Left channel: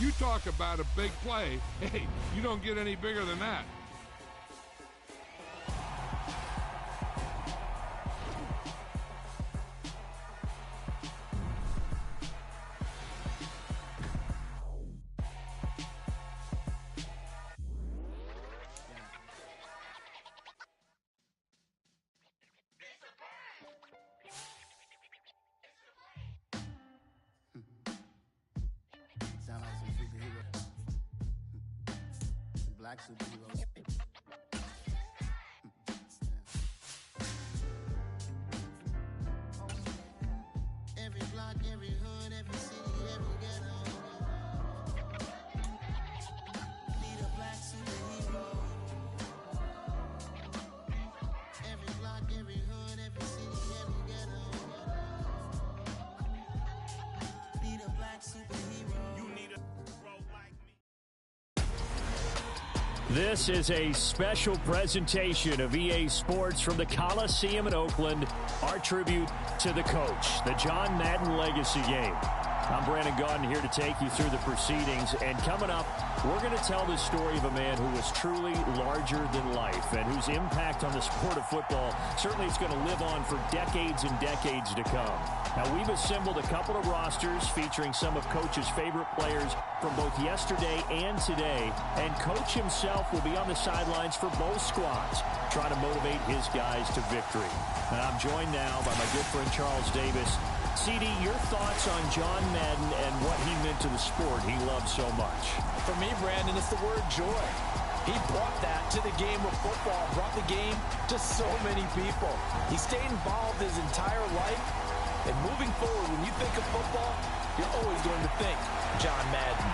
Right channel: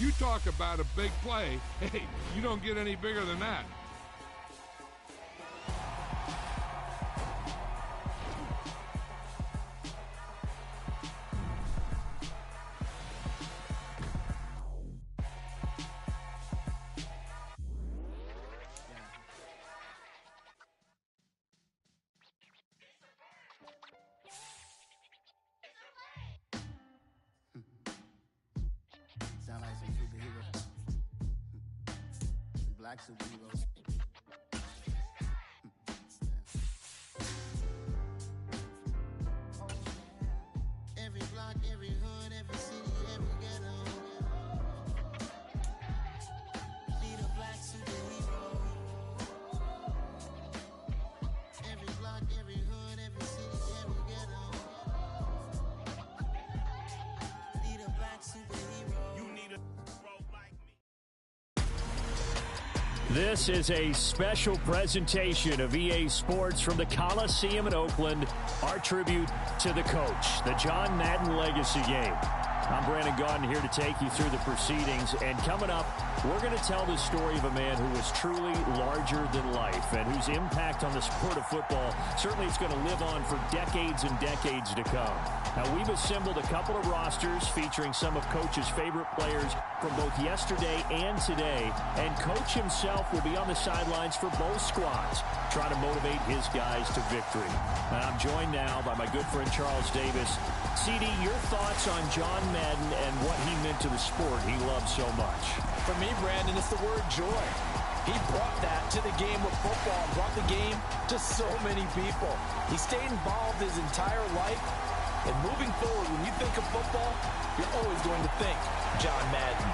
You talk about a big play. Hey, you don't get any bigger than that. Sound like some superheroes. Some black superheroes. Oh, yeah. Every block, every hood, every city, every ghetto. Need a black superhero. Every block, every hood, every city, every ghetto. Need a black superhero. You need a hero like me. This is a special presentation of EA Sports from the Coliseum in Oakland, our tribute to the coach, the John Madden Legacy Game. I'm Brandon Gaudin here to take you through the proceedings, and coming up, we're going to tell the story of a man who was truly larger than life and whose impact on the sport of football certainly is going to live on for decades and decades to come. Now, we've assembled a couple of rosters featuring some of Coach's favorite players from both yesterday and today, and Coach himself will be on the sidelines for both squads, trying to motivate his guys to victory. And I'm joined now by my good friend Charles Davis. CD, your thoughts on John Madden and what he meant to the sport he loves so much? For me, Brandon, it's the word joy. He brought that to the game of football, brought the game to so many people. He stayed involved his entire life. And moving forward, when you think of football, you're always going to think John Madden.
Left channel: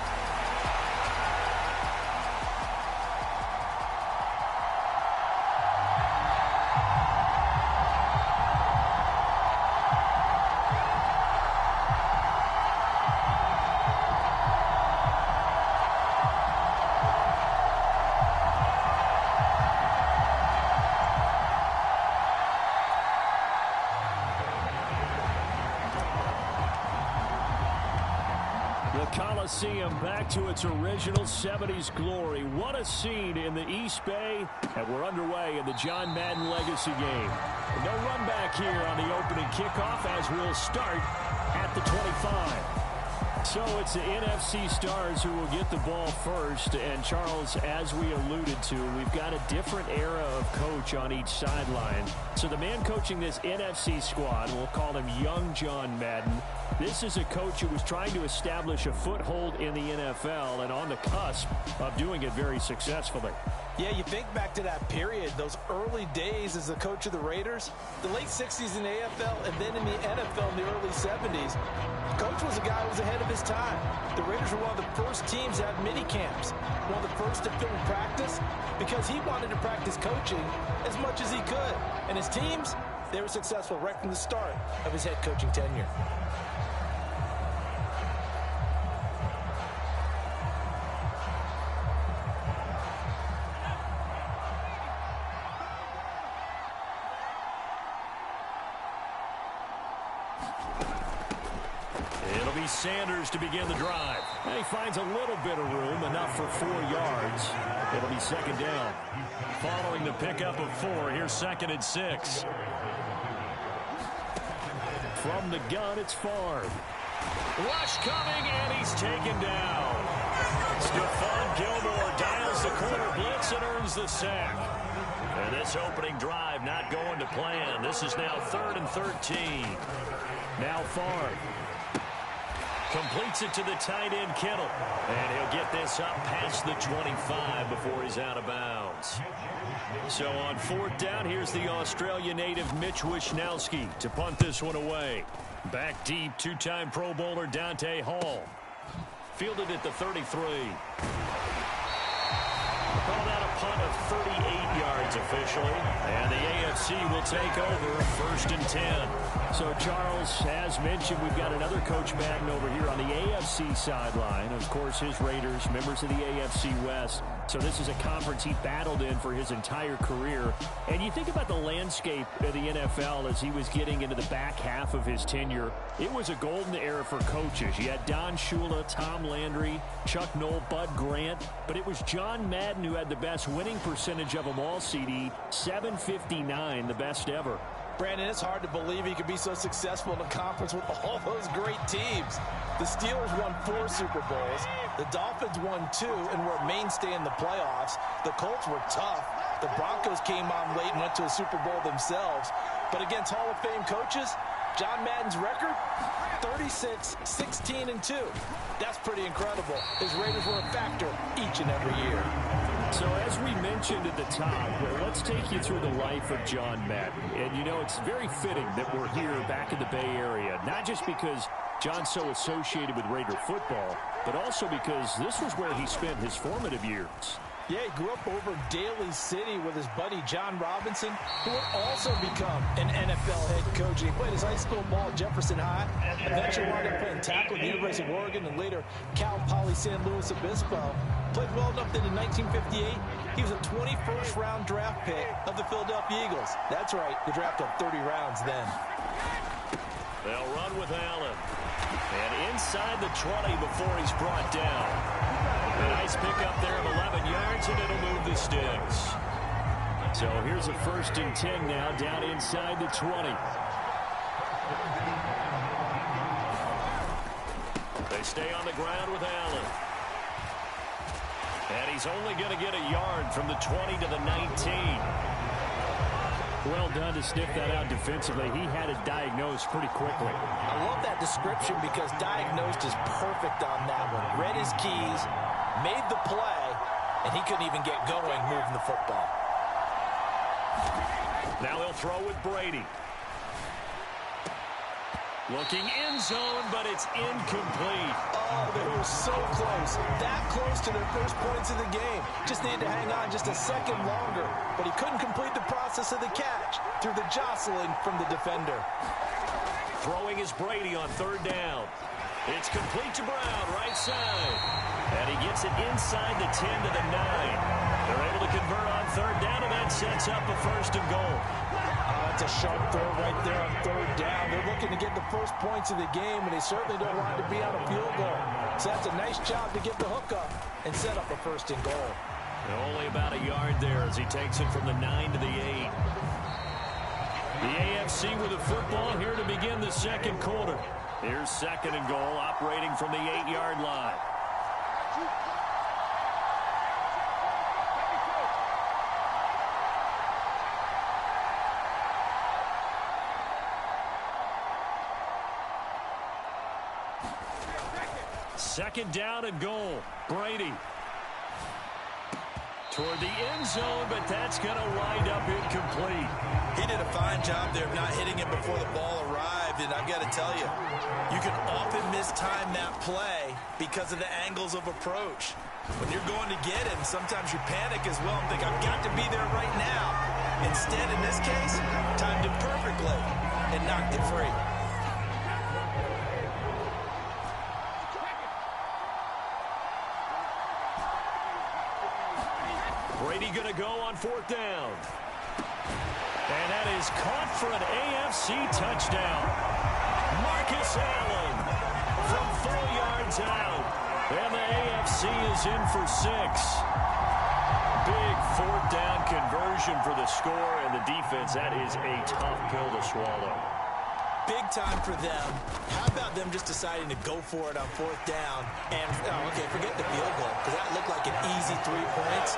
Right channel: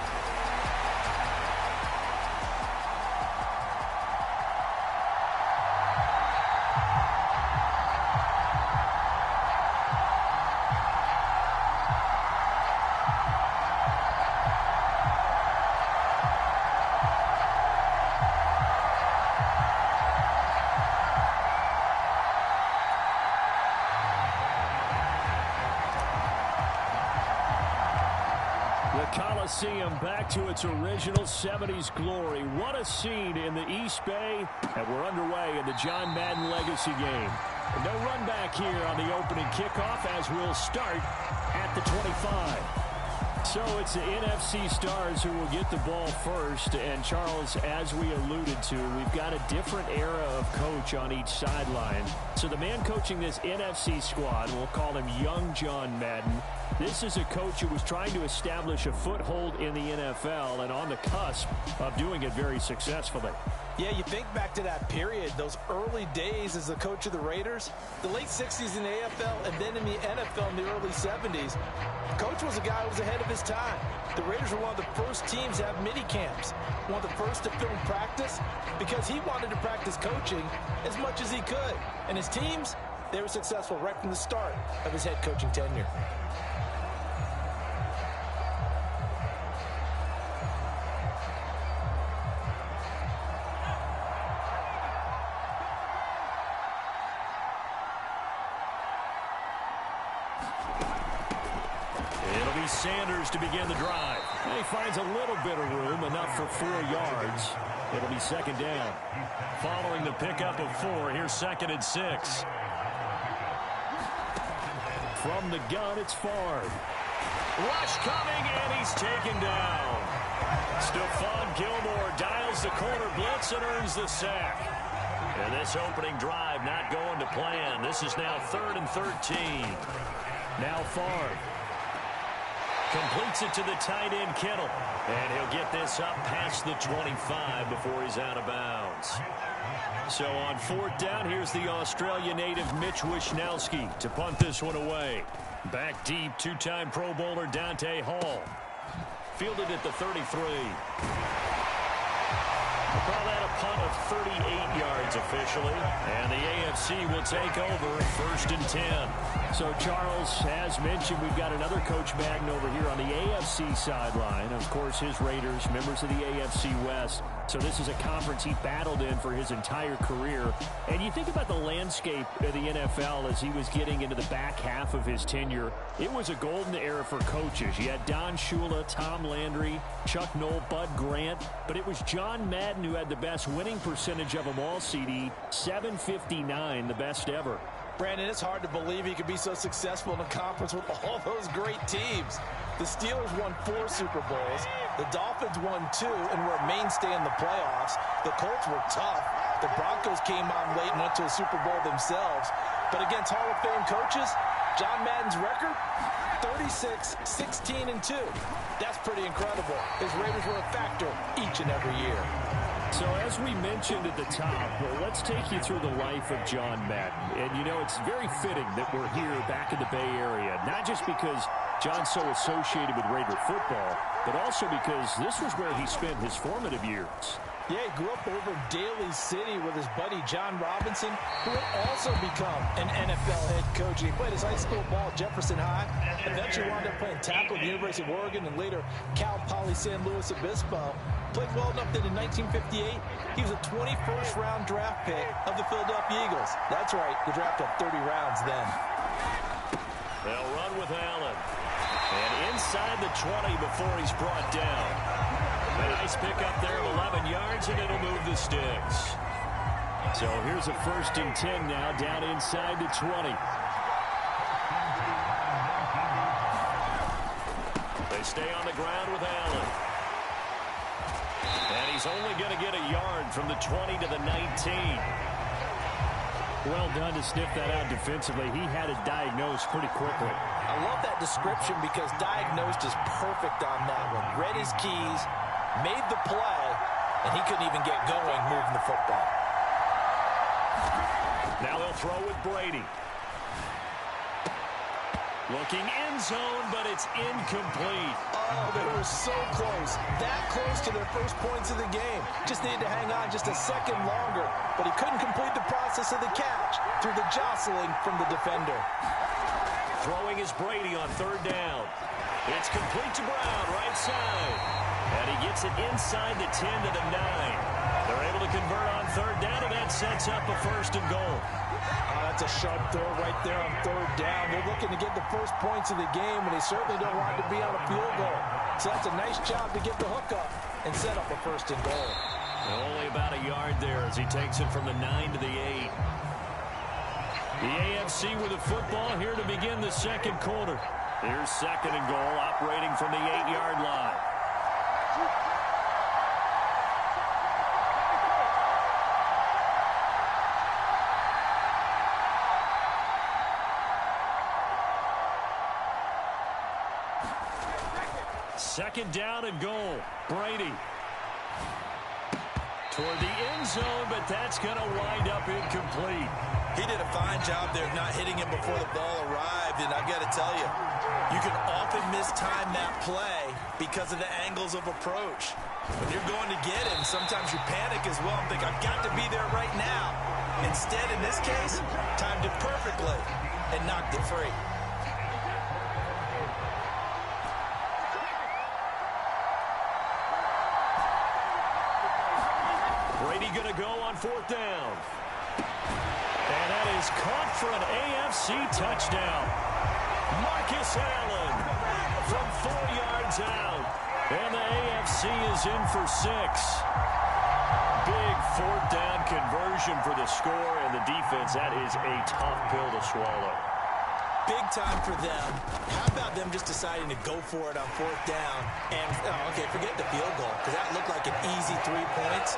The Coliseum back to its original 70s glory. What a scene in the East Bay, and we're underway in the John Madden Legacy Game. No run back here on the opening kickoff as we'll start at the 25. So it's the NFC stars who will get the ball first. And Charles, as we alluded to, we've got a different era of coach on each sideline. So the man coaching this NFC squad, we'll call him Young John Madden. This is a coach who was trying to establish a foothold in the NFL and on the cusp of doing it very successfully. Yeah, you think back to that period, those early days as the coach of the Raiders, the late 60s in the AFL, and then in the NFL in the early 70s. Coach was a guy who was ahead of his time. The Raiders were one of the first teams to have mini camps, one of the first to film practice, because he wanted to practice coaching as much as he could. And his teams, they were successful right from the start of his head coaching tenure. It'll be Sanders to begin the drive. And he finds a little bit of room, enough for 4 yards. It'll be second down. Following the pickup of 4, here's 2nd and 6. From the gun, it's Favre. Rush coming, and he's taken down. Stephon Gilmore dials the corner blitz and earns the sack. And this opening drive not going to plan. This is now 3rd and 13. Now Favre completes it to the tight end, Kittle. And he'll get this up past the 25 before he's out of bounds. So on 4th down, here's the Australia native Mitch Wishnowsky to punt this one away. Back deep, 2-time Pro Bowler Dante Hall. Fielded at the 33. We'll call that a punt of 38 yards officially. And the AFC will take over 1st and 10. So, Charles, as mentioned, we've got another Coach Madden over here on the AFC sideline. Of course, his Raiders, members of the AFC West, So this is a conference he battled in for his entire career. And you think about the landscape of the NFL as he was getting into the back half of his tenure. It was a golden era for coaches. You had Don Shula, Tom Landry, Chuck Noll, Bud Grant. But it was John Madden who had the best winning percentage of them all, CD. 759, the best ever. Brandon, it's hard to believe he could be so successful in a conference with all those great teams. The Steelers won 4 Super Bowls. The Dolphins won 2 and were a mainstay in the playoffs. The Colts were tough. The Broncos came on late and went to a Super Bowl themselves. But against Hall of Fame coaches, John Madden's record, 36, 16, and 2. That's pretty incredible. His Raiders were a factor each and every year. So as we mentioned at the top, let's take you through the life of John Madden. And, you know, it's very fitting that we're here back in the Bay Area, not just because John's so associated with Raider football, but also because this was where he spent his formative years. Yeah, he grew up over Daly City with his buddy John Robinson, who would also become an NFL head coach. He played his high school ball at Jefferson High, eventually wound up playing tackle at the University of Oregon, and later Cal Poly San Luis Obispo. Played well enough that in 1958, he was a 21st round draft pick of the Philadelphia Eagles. That's right, the draft of 30 rounds then. They'll run with Allen. And inside the 20 before he's brought down. A nice pickup there of 11 yards, and it'll move the sticks. So here's a 1st and 10 now, down inside the 20. They stay on the ground with Allen. And he's only going to get a yard from the 20 to the 19. Well done to sniff that out defensively. He had it diagnosed pretty quickly. I love that description because diagnosed is perfect on that one. Read his keys, made the play, and he couldn't even get going moving the football. Now they'll throw with Brady. Looking end zone, but it's incomplete. Oh, they were so close. That close to their first points of the game. Just needed to hang on just a second longer. But he couldn't complete the process of the catch through the jostling from the defender. Throwing is Brady on 3rd down. It's complete to Brown, right side. And he gets it inside the 10 to the 9. They're able to convert on 3rd down, and that sets up a 1st and goal. That's a sharp throw right there on 3rd down. They're looking to get the first points of the game, and they certainly don't want it to be on a field goal. So that's a nice job to get the hook up and set up a 1st and goal. And only about a yard there as he takes it from the 9 to the 8. The AFC with the football here to begin the 2nd quarter. Here's 2nd and goal, operating from the 8-yard line. Second down and goal. Brady. Toward the end zone, but that's going to wind up incomplete. He did a fine job there of not hitting him before the ball arrived, and I've got to tell you, you can often mistime that play because of the angles of approach. When you're going to get him, sometimes you panic as well and think, I've got to be there right now. Instead, in this case, timed it perfectly and knocked it free. Brady going to go on 4th down. And that is caught for an AFC touchdown. Marcus Allen from 4 yards out. And the AFC is in for 6. Big 4th down conversion for the score, and the defense, that is a tough pill to swallow. Big time for them. How about them just deciding to go for it on 4th down? And, okay, forget the field goal, because that looked like an easy 3 points.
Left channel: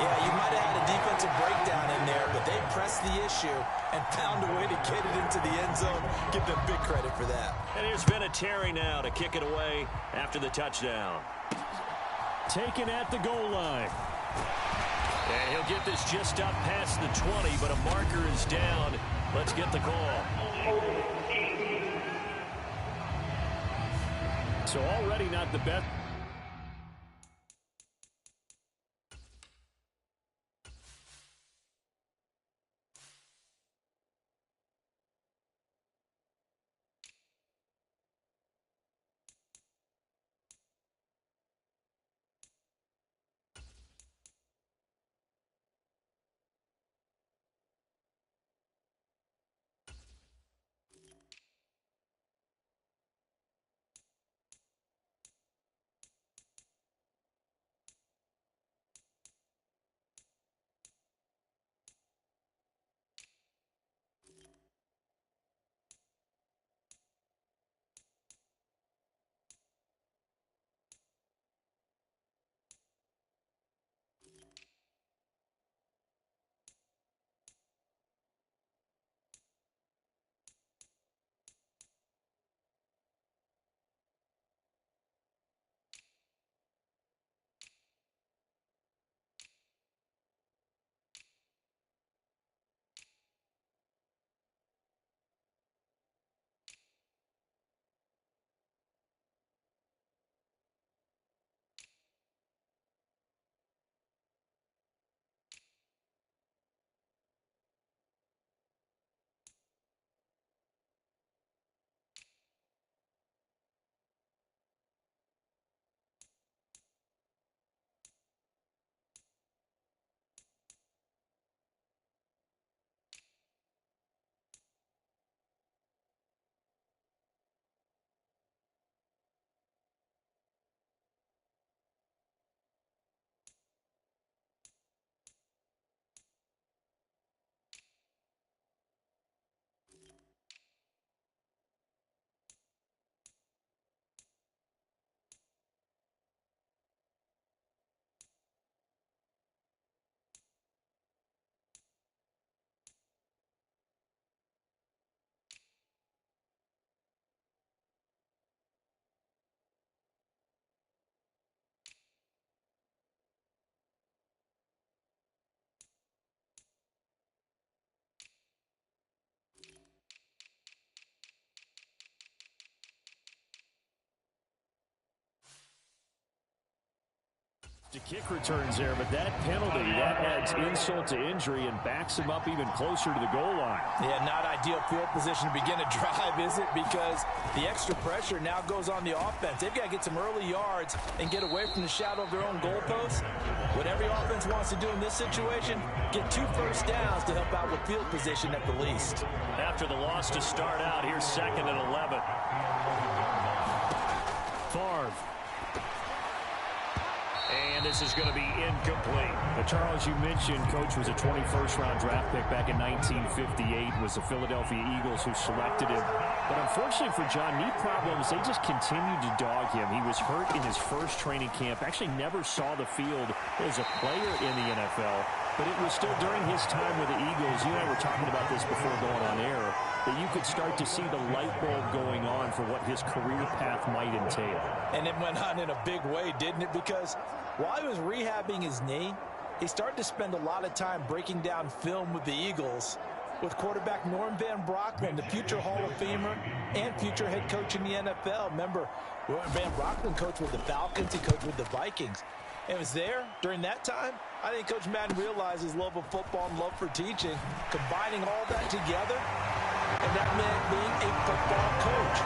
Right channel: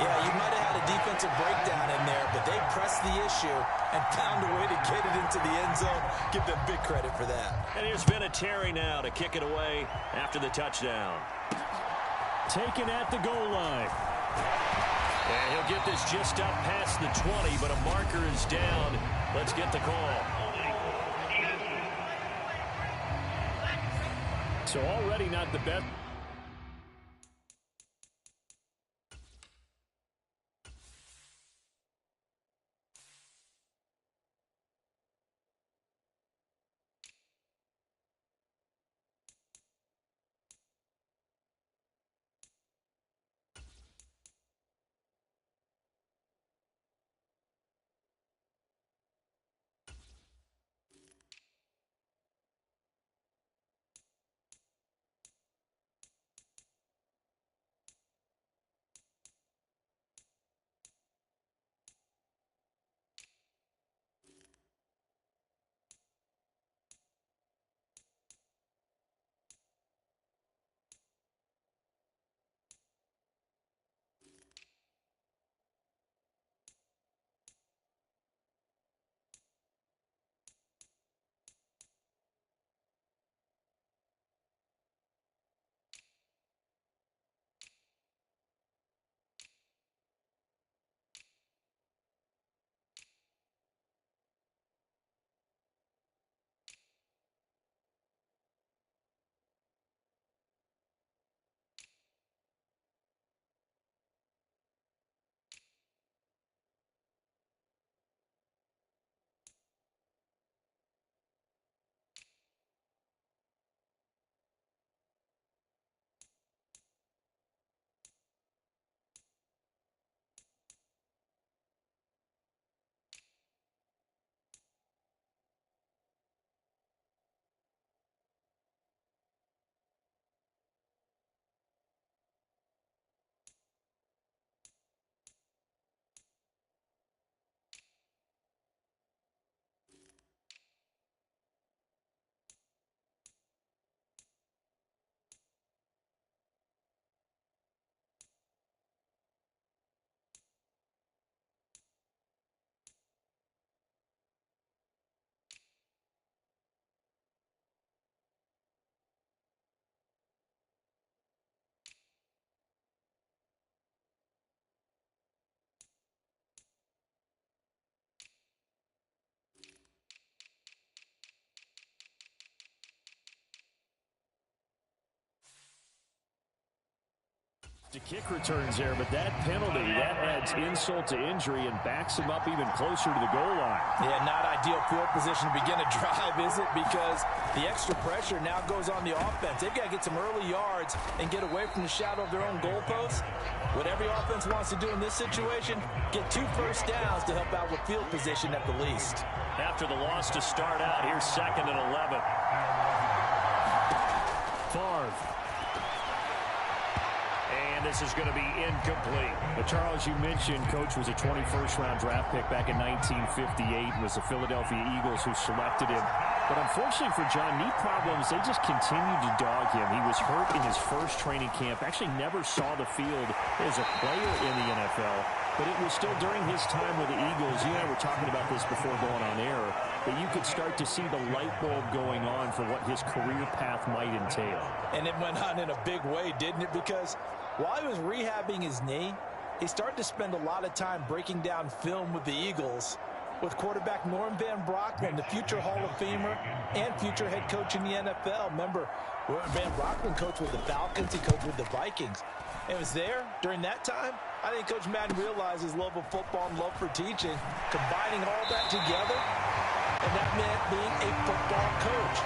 Yeah, you might have had a defensive breakdown in there, but they pressed the issue and found a way to get it into the end zone. Give them big credit for that. And here's Vinatieri now to kick it away after the touchdown. Taken at the goal line. And he'll get this just up past the 20, but a marker is down. Let's get the call. So already not the best. To kick returns there, but that penalty, that adds insult to injury and backs him up even closer to the goal line. Yeah, not ideal field position to begin a drive, is it? Because the extra pressure now goes on the offense. They've got to get some early yards and get away from the shadow of their own goalposts. What every offense wants to do in this situation, get 2 first downs to help out with field position at the least. After the loss to start out, here's 2nd and 11. Favre. And this is going to be incomplete. But Charles, you mentioned Coach was a 21st-round draft pick back in 1958. It was the Philadelphia Eagles who selected him. But unfortunately for John, knee problems, they just continued to dog him. He was hurt in his first training camp, actually never saw the field as a player in the NFL. But it was still during his time with the Eagles, you and I were talking about this before going on air, that you could start to see the light bulb going on for what his career path might entail. And it went on in a big way, didn't it? Because while he was rehabbing his knee, he started to spend a lot of time breaking down film with the Eagles, with quarterback Norm Van Brocklin, the future Hall of Famer and future head coach in the NFL. Remember, Van Brocklin coached with the Falcons, he coached with the Vikings. And it was there during that time, I think Coach Madden realized his love of football and love for teaching, combining all that together, and that meant being a football coach.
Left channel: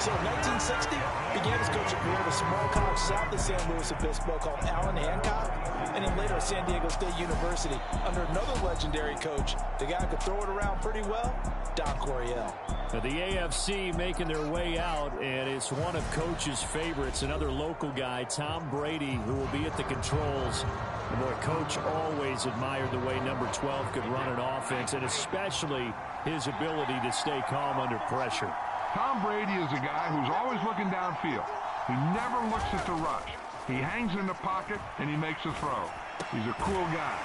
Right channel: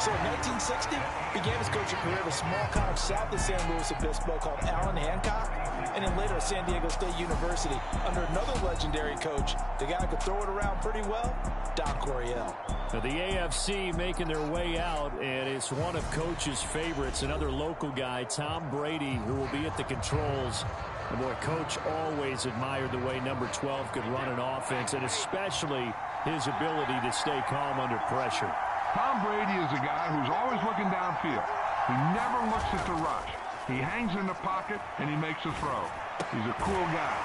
So in 1960, began his coaching career at a small college south of San Luis Obispo called Allen Hancock, and then later at San Diego State University under another legendary coach, the guy who could throw it around pretty well, Don Coryell. The AFC making their way out, and it's one of Coach's favorites, another local guy, Tom Brady, who will be at the controls. And boy, Coach always admired the way number 12 could run an offense, and especially his ability to stay calm under pressure. Tom Brady is a guy who's always looking downfield. He never looks at the rush. He hangs in the pocket, and he makes a throw. He's a cool guy.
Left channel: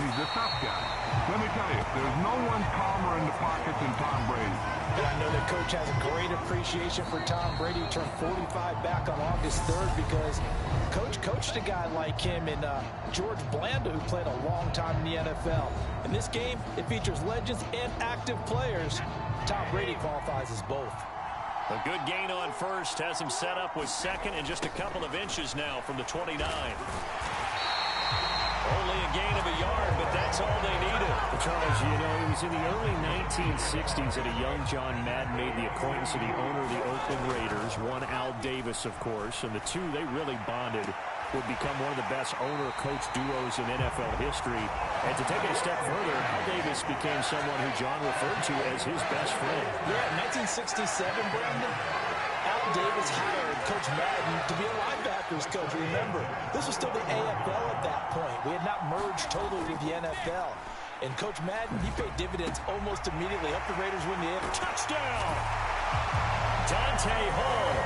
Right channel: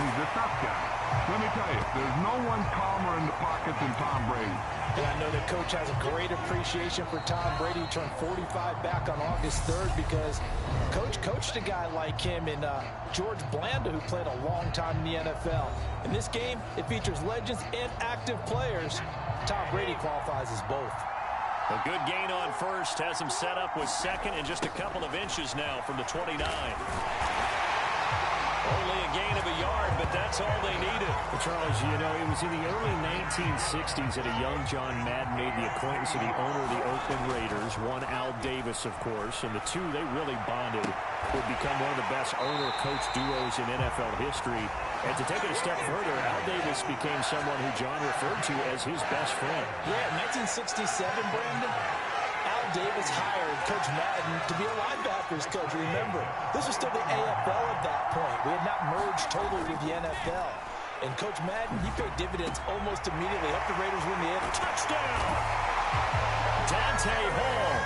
He's a tough guy. Let me tell you, there's no one calmer in the pocket than Tom Brady. And I know that Coach has a great appreciation for Tom Brady. He turned 45 back on August 3rd because Coach coached a guy like him in George Blanda, who played a long time in the NFL. In this game, it features legends and active players. Tom Brady qualifies as both. A good gain on first has him set up with 2nd and just a couple of inches now from the 29. Only a gain of a yard, but that's all they needed. Well, Charles, you know, it was in the early 1960s that a young John Madden made the acquaintance of the owner of the Oakland Raiders, one Al Davis, of course, and the two, they really bonded, would become one of the best owner-coach duos in NFL history. And to take it a step further, Al Davis became someone who John referred to as his best friend. Yeah, 1967, Brandon, Al Davis hired Coach Madden to be a linebackers coach. Remember, this was still the AFL at that point. We had not merged totally with the NFL. And Coach Madden, he paid dividends almost immediately. Helped the Raiders win the AFL. Touchdown! Dante Hall,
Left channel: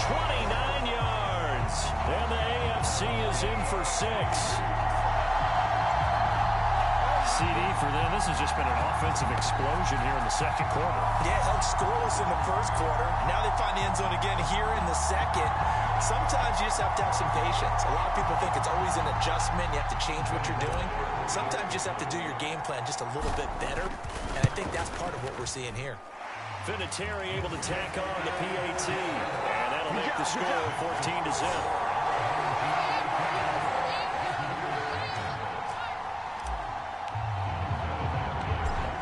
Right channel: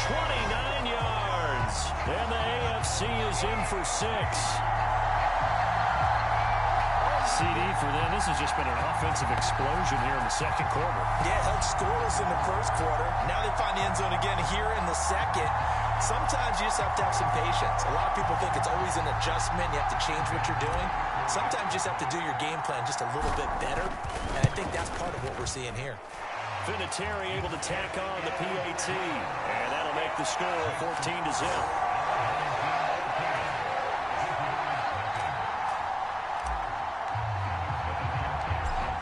29 yards. And the AFC is in for 6. CD for them. This has just been an offensive explosion here in the second quarter. Yeah, held scoreless in the first quarter. Now they find the end zone again here in the second. Sometimes you just have to have some patience. A lot of people think it's always an adjustment. You have to change what you're doing. Sometimes you just have to do your game plan just a little bit better. And I think that's part of what we're seeing here. Vinatieri able to tack on the PAT. And that'll make the score 14-0.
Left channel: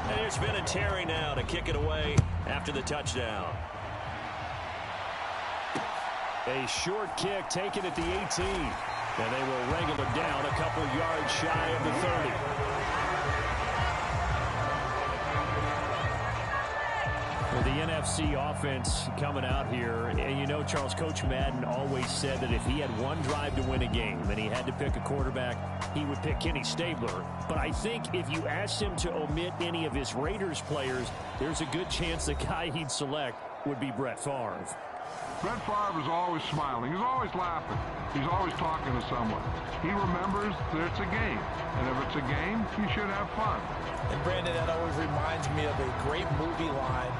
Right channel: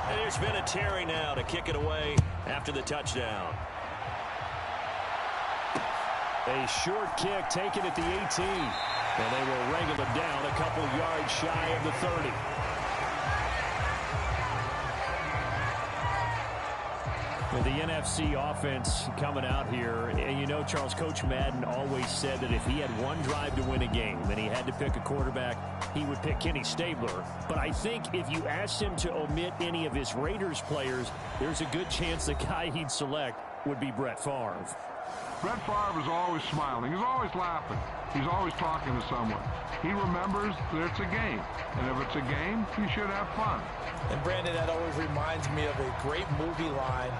Here's Vinatieri now to kick it away after the touchdown. A short kick taken at the 18. And they will wrangle it down a couple yards shy of the 30. The NFC offense coming out here, and you know, Charles, Coach Madden always said that if he had one drive to win a game and he had to pick a quarterback, he would pick Kenny Stabler. But I think if you asked him to omit any of his Raiders players, there's a good chance the guy he'd select would be Brett Favre. Brett Favre is always smiling. He's always laughing. He's always talking to someone. He remembers that it's a game. And if it's a game, you should have fun. And Brandon, that always reminds me of a great movie line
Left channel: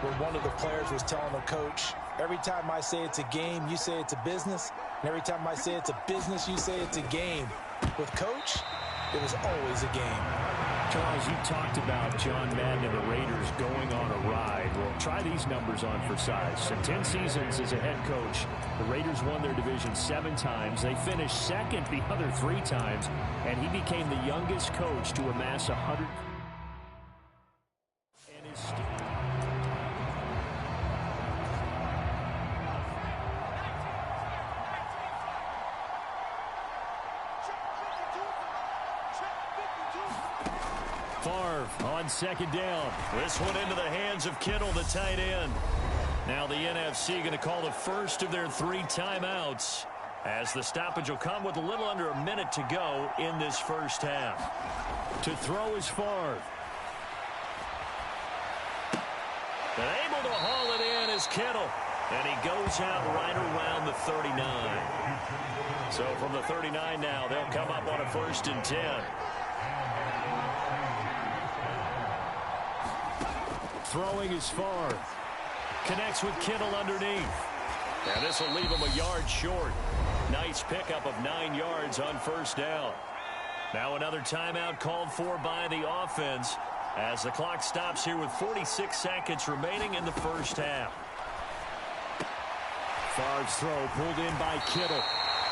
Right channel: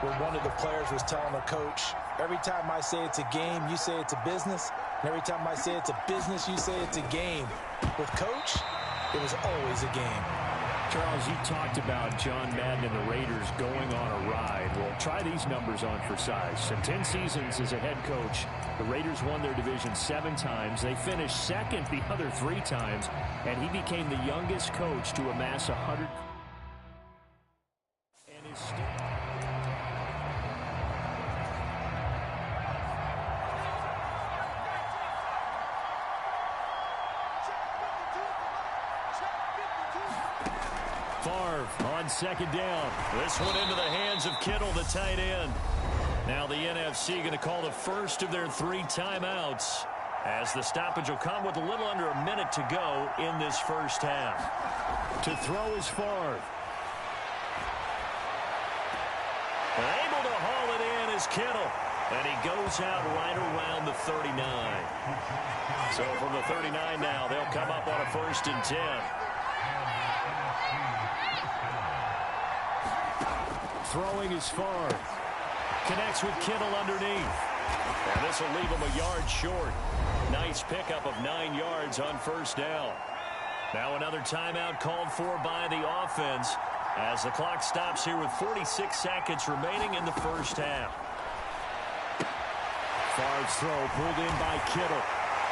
where one of the players was telling the coach, every time I say it's a game, you say it's a business. And every time I say it's a business, you say it's a game. With Coach, it was always a game. Charles, you talked about John Madden and the Raiders going on a ride. Well, try these numbers on for size. In 10 seasons as a head coach, The Raiders won their division 7 times. They finished second the other 3 times, and he became the youngest coach to amass 100. And is still. Favre on second down. This one into the hands of Kittle, the tight end. Now the NFC going to call the first of their 3 timeouts, as the stoppage will come with a little under a minute to go in this first half. To throw is Favre. And able to haul it in is Kittle. And he goes out right around the 39. So from the 39 now, they'll come up on a 1st and 10. Throwing is Favre. Connects with Kittle underneath. And this will leave him a yard short. Nice pickup of 9 yards on 1st down. Now another timeout called for by the offense as the clock stops here with 46 seconds remaining in the first half. Favre's throw pulled in by Kittle.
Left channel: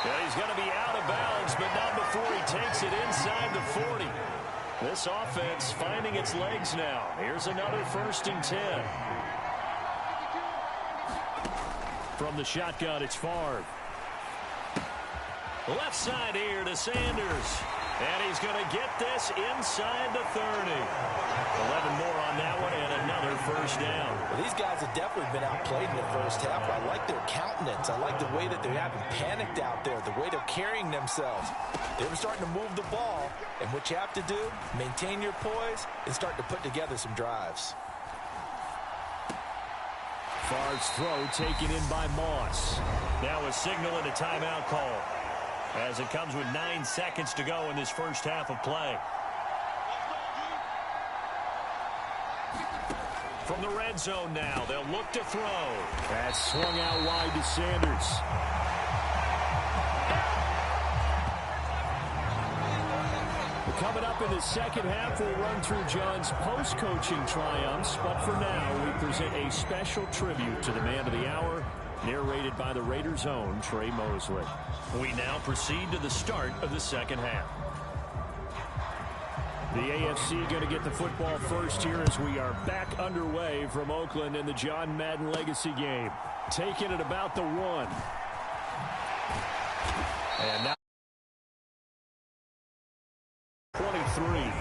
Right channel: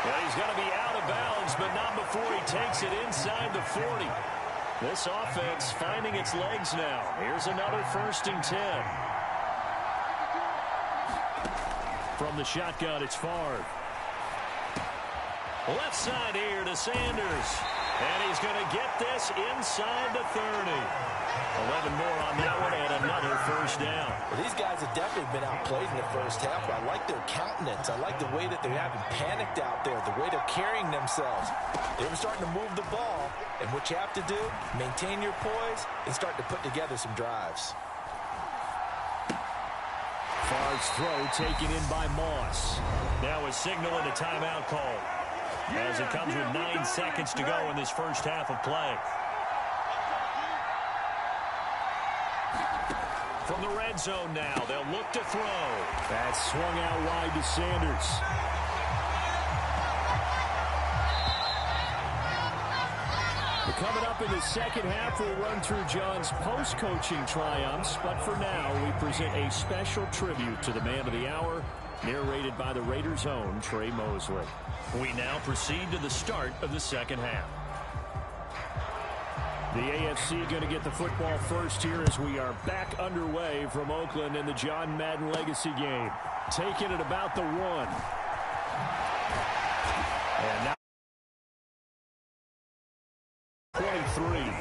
And he's going to be out of bounds, but not before he takes it inside the 40. This offense finding its legs now. Here's another 1st and 10. From the shotgun, it's Favre. Left side here to Sanders. And he's going to get this inside the 30. 11 more on that one and another 1st down. Well, these guys have definitely been outplayed in the first half. I like their countenance. I like the way that they haven't panicked out there, the way they're carrying themselves. They were starting to move the ball, and what you have to do, maintain your poise and start to put together some drives. Favre's throw taken in by Moss. Now a signal and a timeout call, as it comes with 9 seconds to go in this first half of play. From the red zone now, they'll look to throw. That's swung out wide to Sanders. But coming up in the second half, we'll run through John's post-coaching triumphs. But for now, we present a special tribute to the man of the hour, narrated by the Raiders' own Trey Mosley. We now proceed to the start of the second half. The AFC going to get the football first here as we are back underway from Oakland in the John Madden Legacy game. Taking it about the 1. And now 23.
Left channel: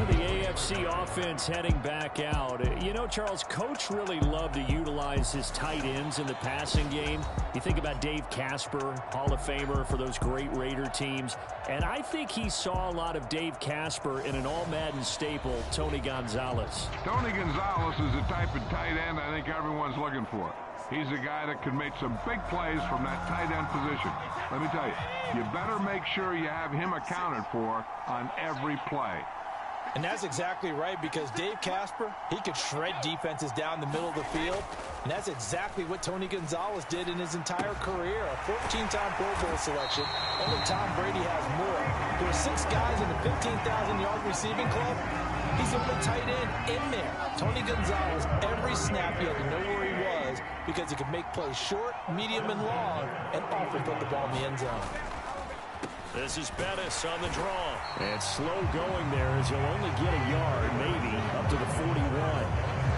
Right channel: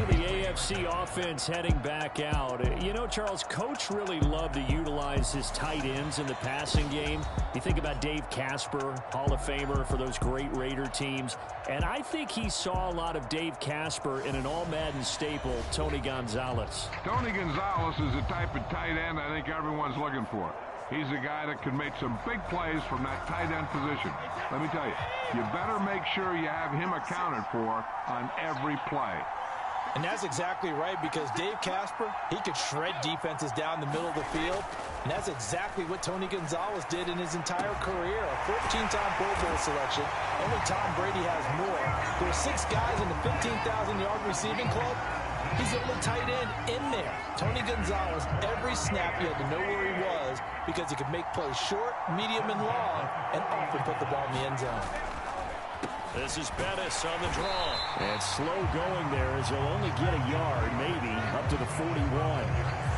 The AFC offense heading back out. You know, Charles, Coach really loved to utilize his tight ends in the passing game. You think about Dave Casper, Hall of Famer for those great Raider teams. And I think he saw a lot of Dave Casper in an all-Madden staple, Tony Gonzalez. Tony Gonzalez is the type of tight end I think everyone's looking for. He's a guy that can make some big plays from that tight end position. Let me tell you, you better make sure you have him accounted for on every play. And that's exactly right, because Dave Casper, he could shred defenses down the middle of the field. And that's exactly what Tony Gonzalez did in his entire career. A 14-time Pro Bowl selection. Only Tom Brady has more. There are 6 guys in the 15,000-yard receiving club. He's the only tight end in there. Tony Gonzalez, every snap, you had to know where he was because he could make plays short, medium, and long, and often put the ball in the end zone. This is Bettis on the draw. And slow going there as he'll only get a yard, maybe, up to the 41.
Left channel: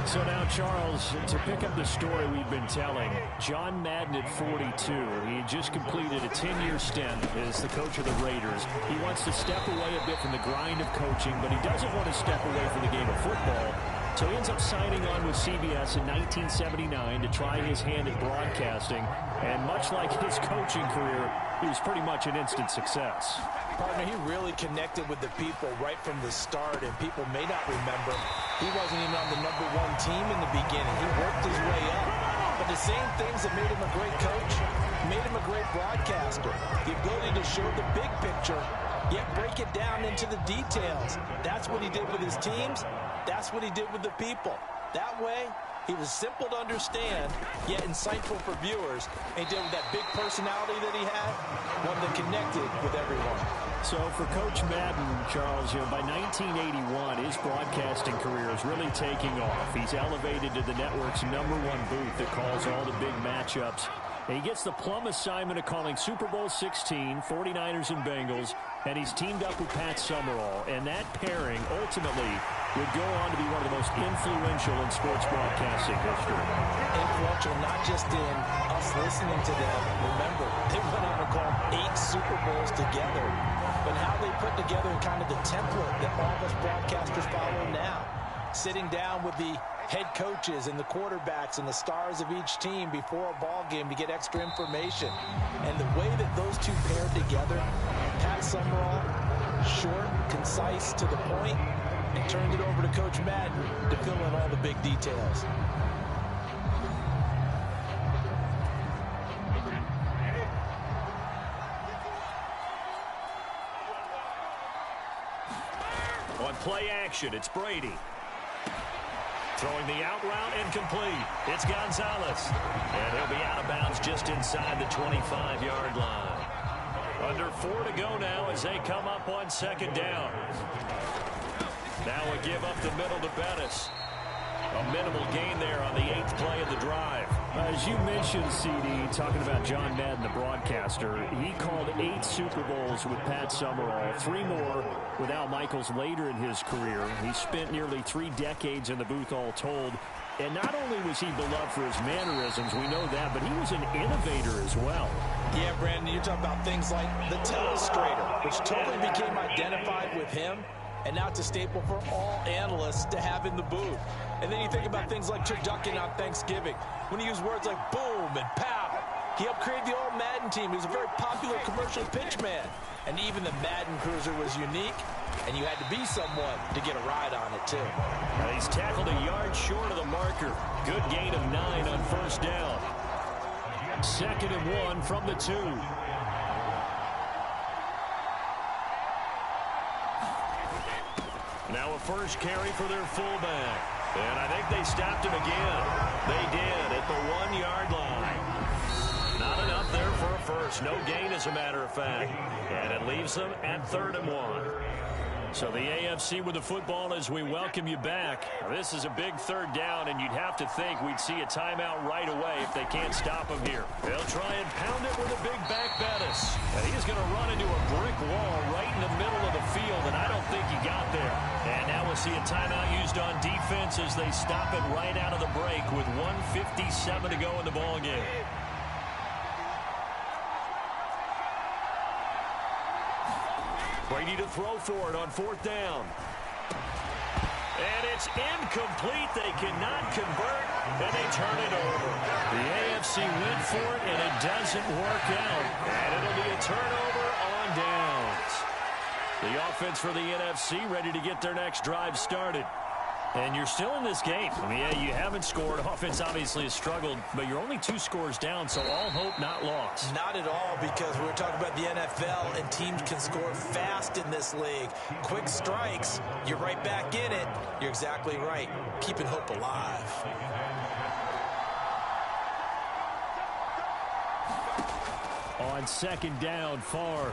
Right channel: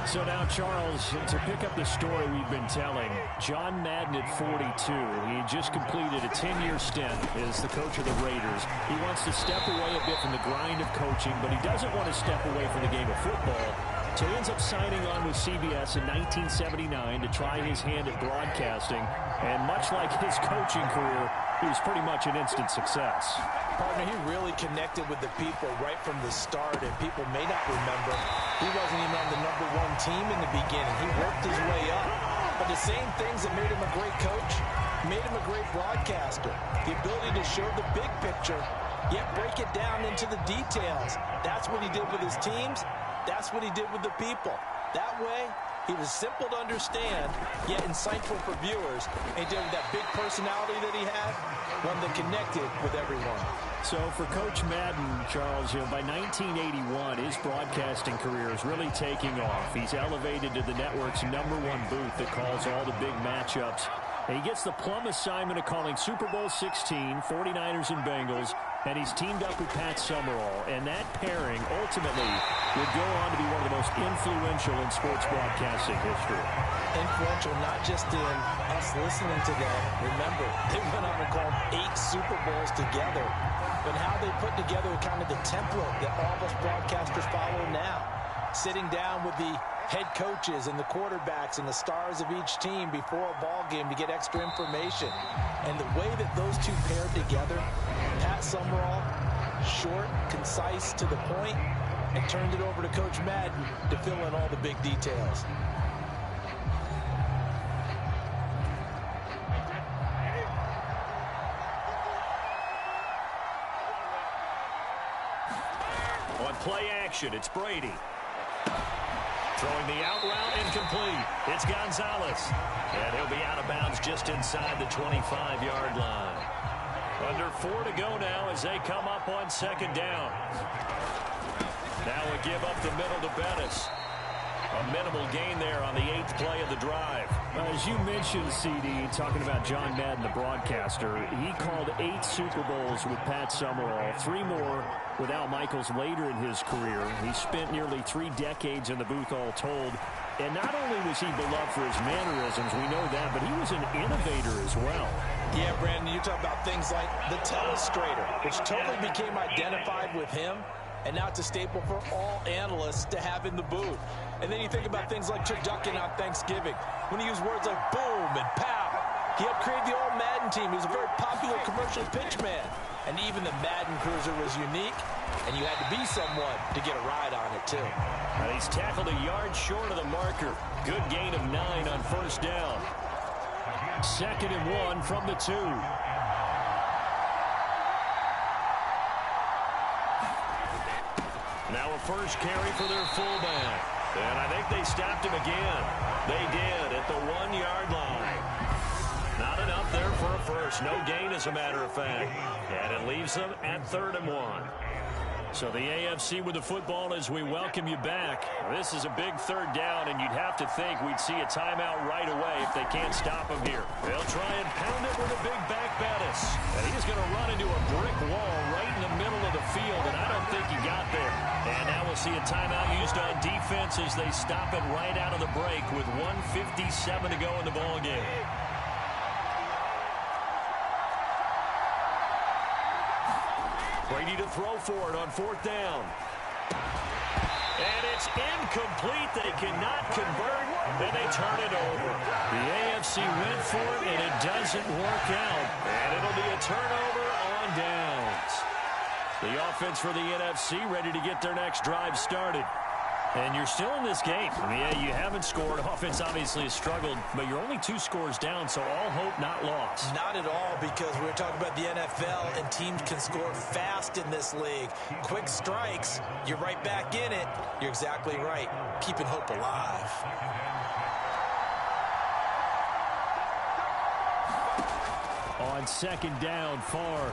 So now, Charles, to pick up the story we've been telling, John Madden at 42. He just completed a 10-year stint as the coach of the Raiders. He wants to step away a bit from the grind of coaching, but he doesn't want to step away from the game of football. So he ends up signing on with CBS in 1979 to try his hand at broadcasting. And much like his coaching career, he was pretty much an instant success. Partner, he really connected with the people right from the start, and people may not remember he wasn't even on the #1 team in the beginning. He worked his way up. But the same things that made him a great coach made him a great broadcaster. The ability to show the big picture, yet break it down into the details. That's what he did with his teams. That's what he did with the people. That way, He was simple to understand, yet insightful for viewers. And he did with that big personality that he had, one that connected with everyone. So for Coach Madden, Charles, by 1981, his broadcasting career is really taking off. He's elevated to the network's #1 booth that calls all the big matchups. And he gets the plum assignment of calling Super Bowl 16, 49ers and Bengals, and he's teamed up with Pat Summerall. And that pairing ultimately would go on to be one of the most influential in sports broadcasting history. Influential not just in us listening to them. Remember, they went on to call 8 Super Bowls together. But how they put together kind of the template that all of us broadcasters follow now. Sitting down with the head coaches and the quarterbacks and the stars of each team before a ball game to get extra information. And the way that those two paired together, Pat Summerall, short, concise, to the point, and turned it over to Coach Madden to fill in all the big details. On play action, it's Brady. Throwing the out route incomplete. It's Gonzalez. And he'll be out of bounds just inside the 25-yard line. Under 4 to go now as they come up on second down. Now a give up the middle to Bettis. A minimal gain there on the 8th play of the drive. As you mentioned, CD, talking about John Madden, the broadcaster, he called 8 Super Bowls with Pat Summerall, 3 more with Al Michaels later in his career. He spent nearly 3 decades in the booth all told. And not only was he beloved for his mannerisms, we know that, but he was an innovator as well. Yeah, Brandon, you talk about things like the telestrator, which totally became identified with him. And now it's a staple for all analysts to have in the booth. And then you think about things like turducken on Thanksgiving, when he used words like boom and pow. He helped create the All-Madden team. He was a very popular commercial pitch man. And even the Madden Cruiser was unique, and you had to be someone to get a ride on it, too. And he's tackled a yard short of the marker. Good gain of 9 on first down. 2nd and 1 from the 2. Now a first carry for their fullback. And I think they stopped him again. They did at the 1-yard line. Not enough there for a first. No gain, as a matter of fact. And it leaves them at 3rd and 1. So the AFC with the football as we welcome you back. This is a big 3rd down, and you'd have to think we'd see a timeout right away if they can't stop him here. They'll try and pound it with a big back Bettis. And he's going to run into a brick wall right in the middle of the field, and I don't think he got there. And now we'll see a timeout used on defense as they stop it right out of the break with 1:57 to go in the ballgame. Brady to throw for it on 4th down. And it's incomplete. They cannot convert, and they turn it over. The AFC went for it, and it doesn't work out. And it'll be a turnover on downs. The offense for the NFC ready to get their next drive started. And you're still in this game. I mean, yeah, you haven't scored. Offense obviously has struggled, but you're only 2 scores down, so all hope not lost. Not at all, because we're talking about the NFL, and teams can score fast in this league. Quick strikes, you're right back in it. You're exactly right. Keeping hope alive. On 2nd down, Favre.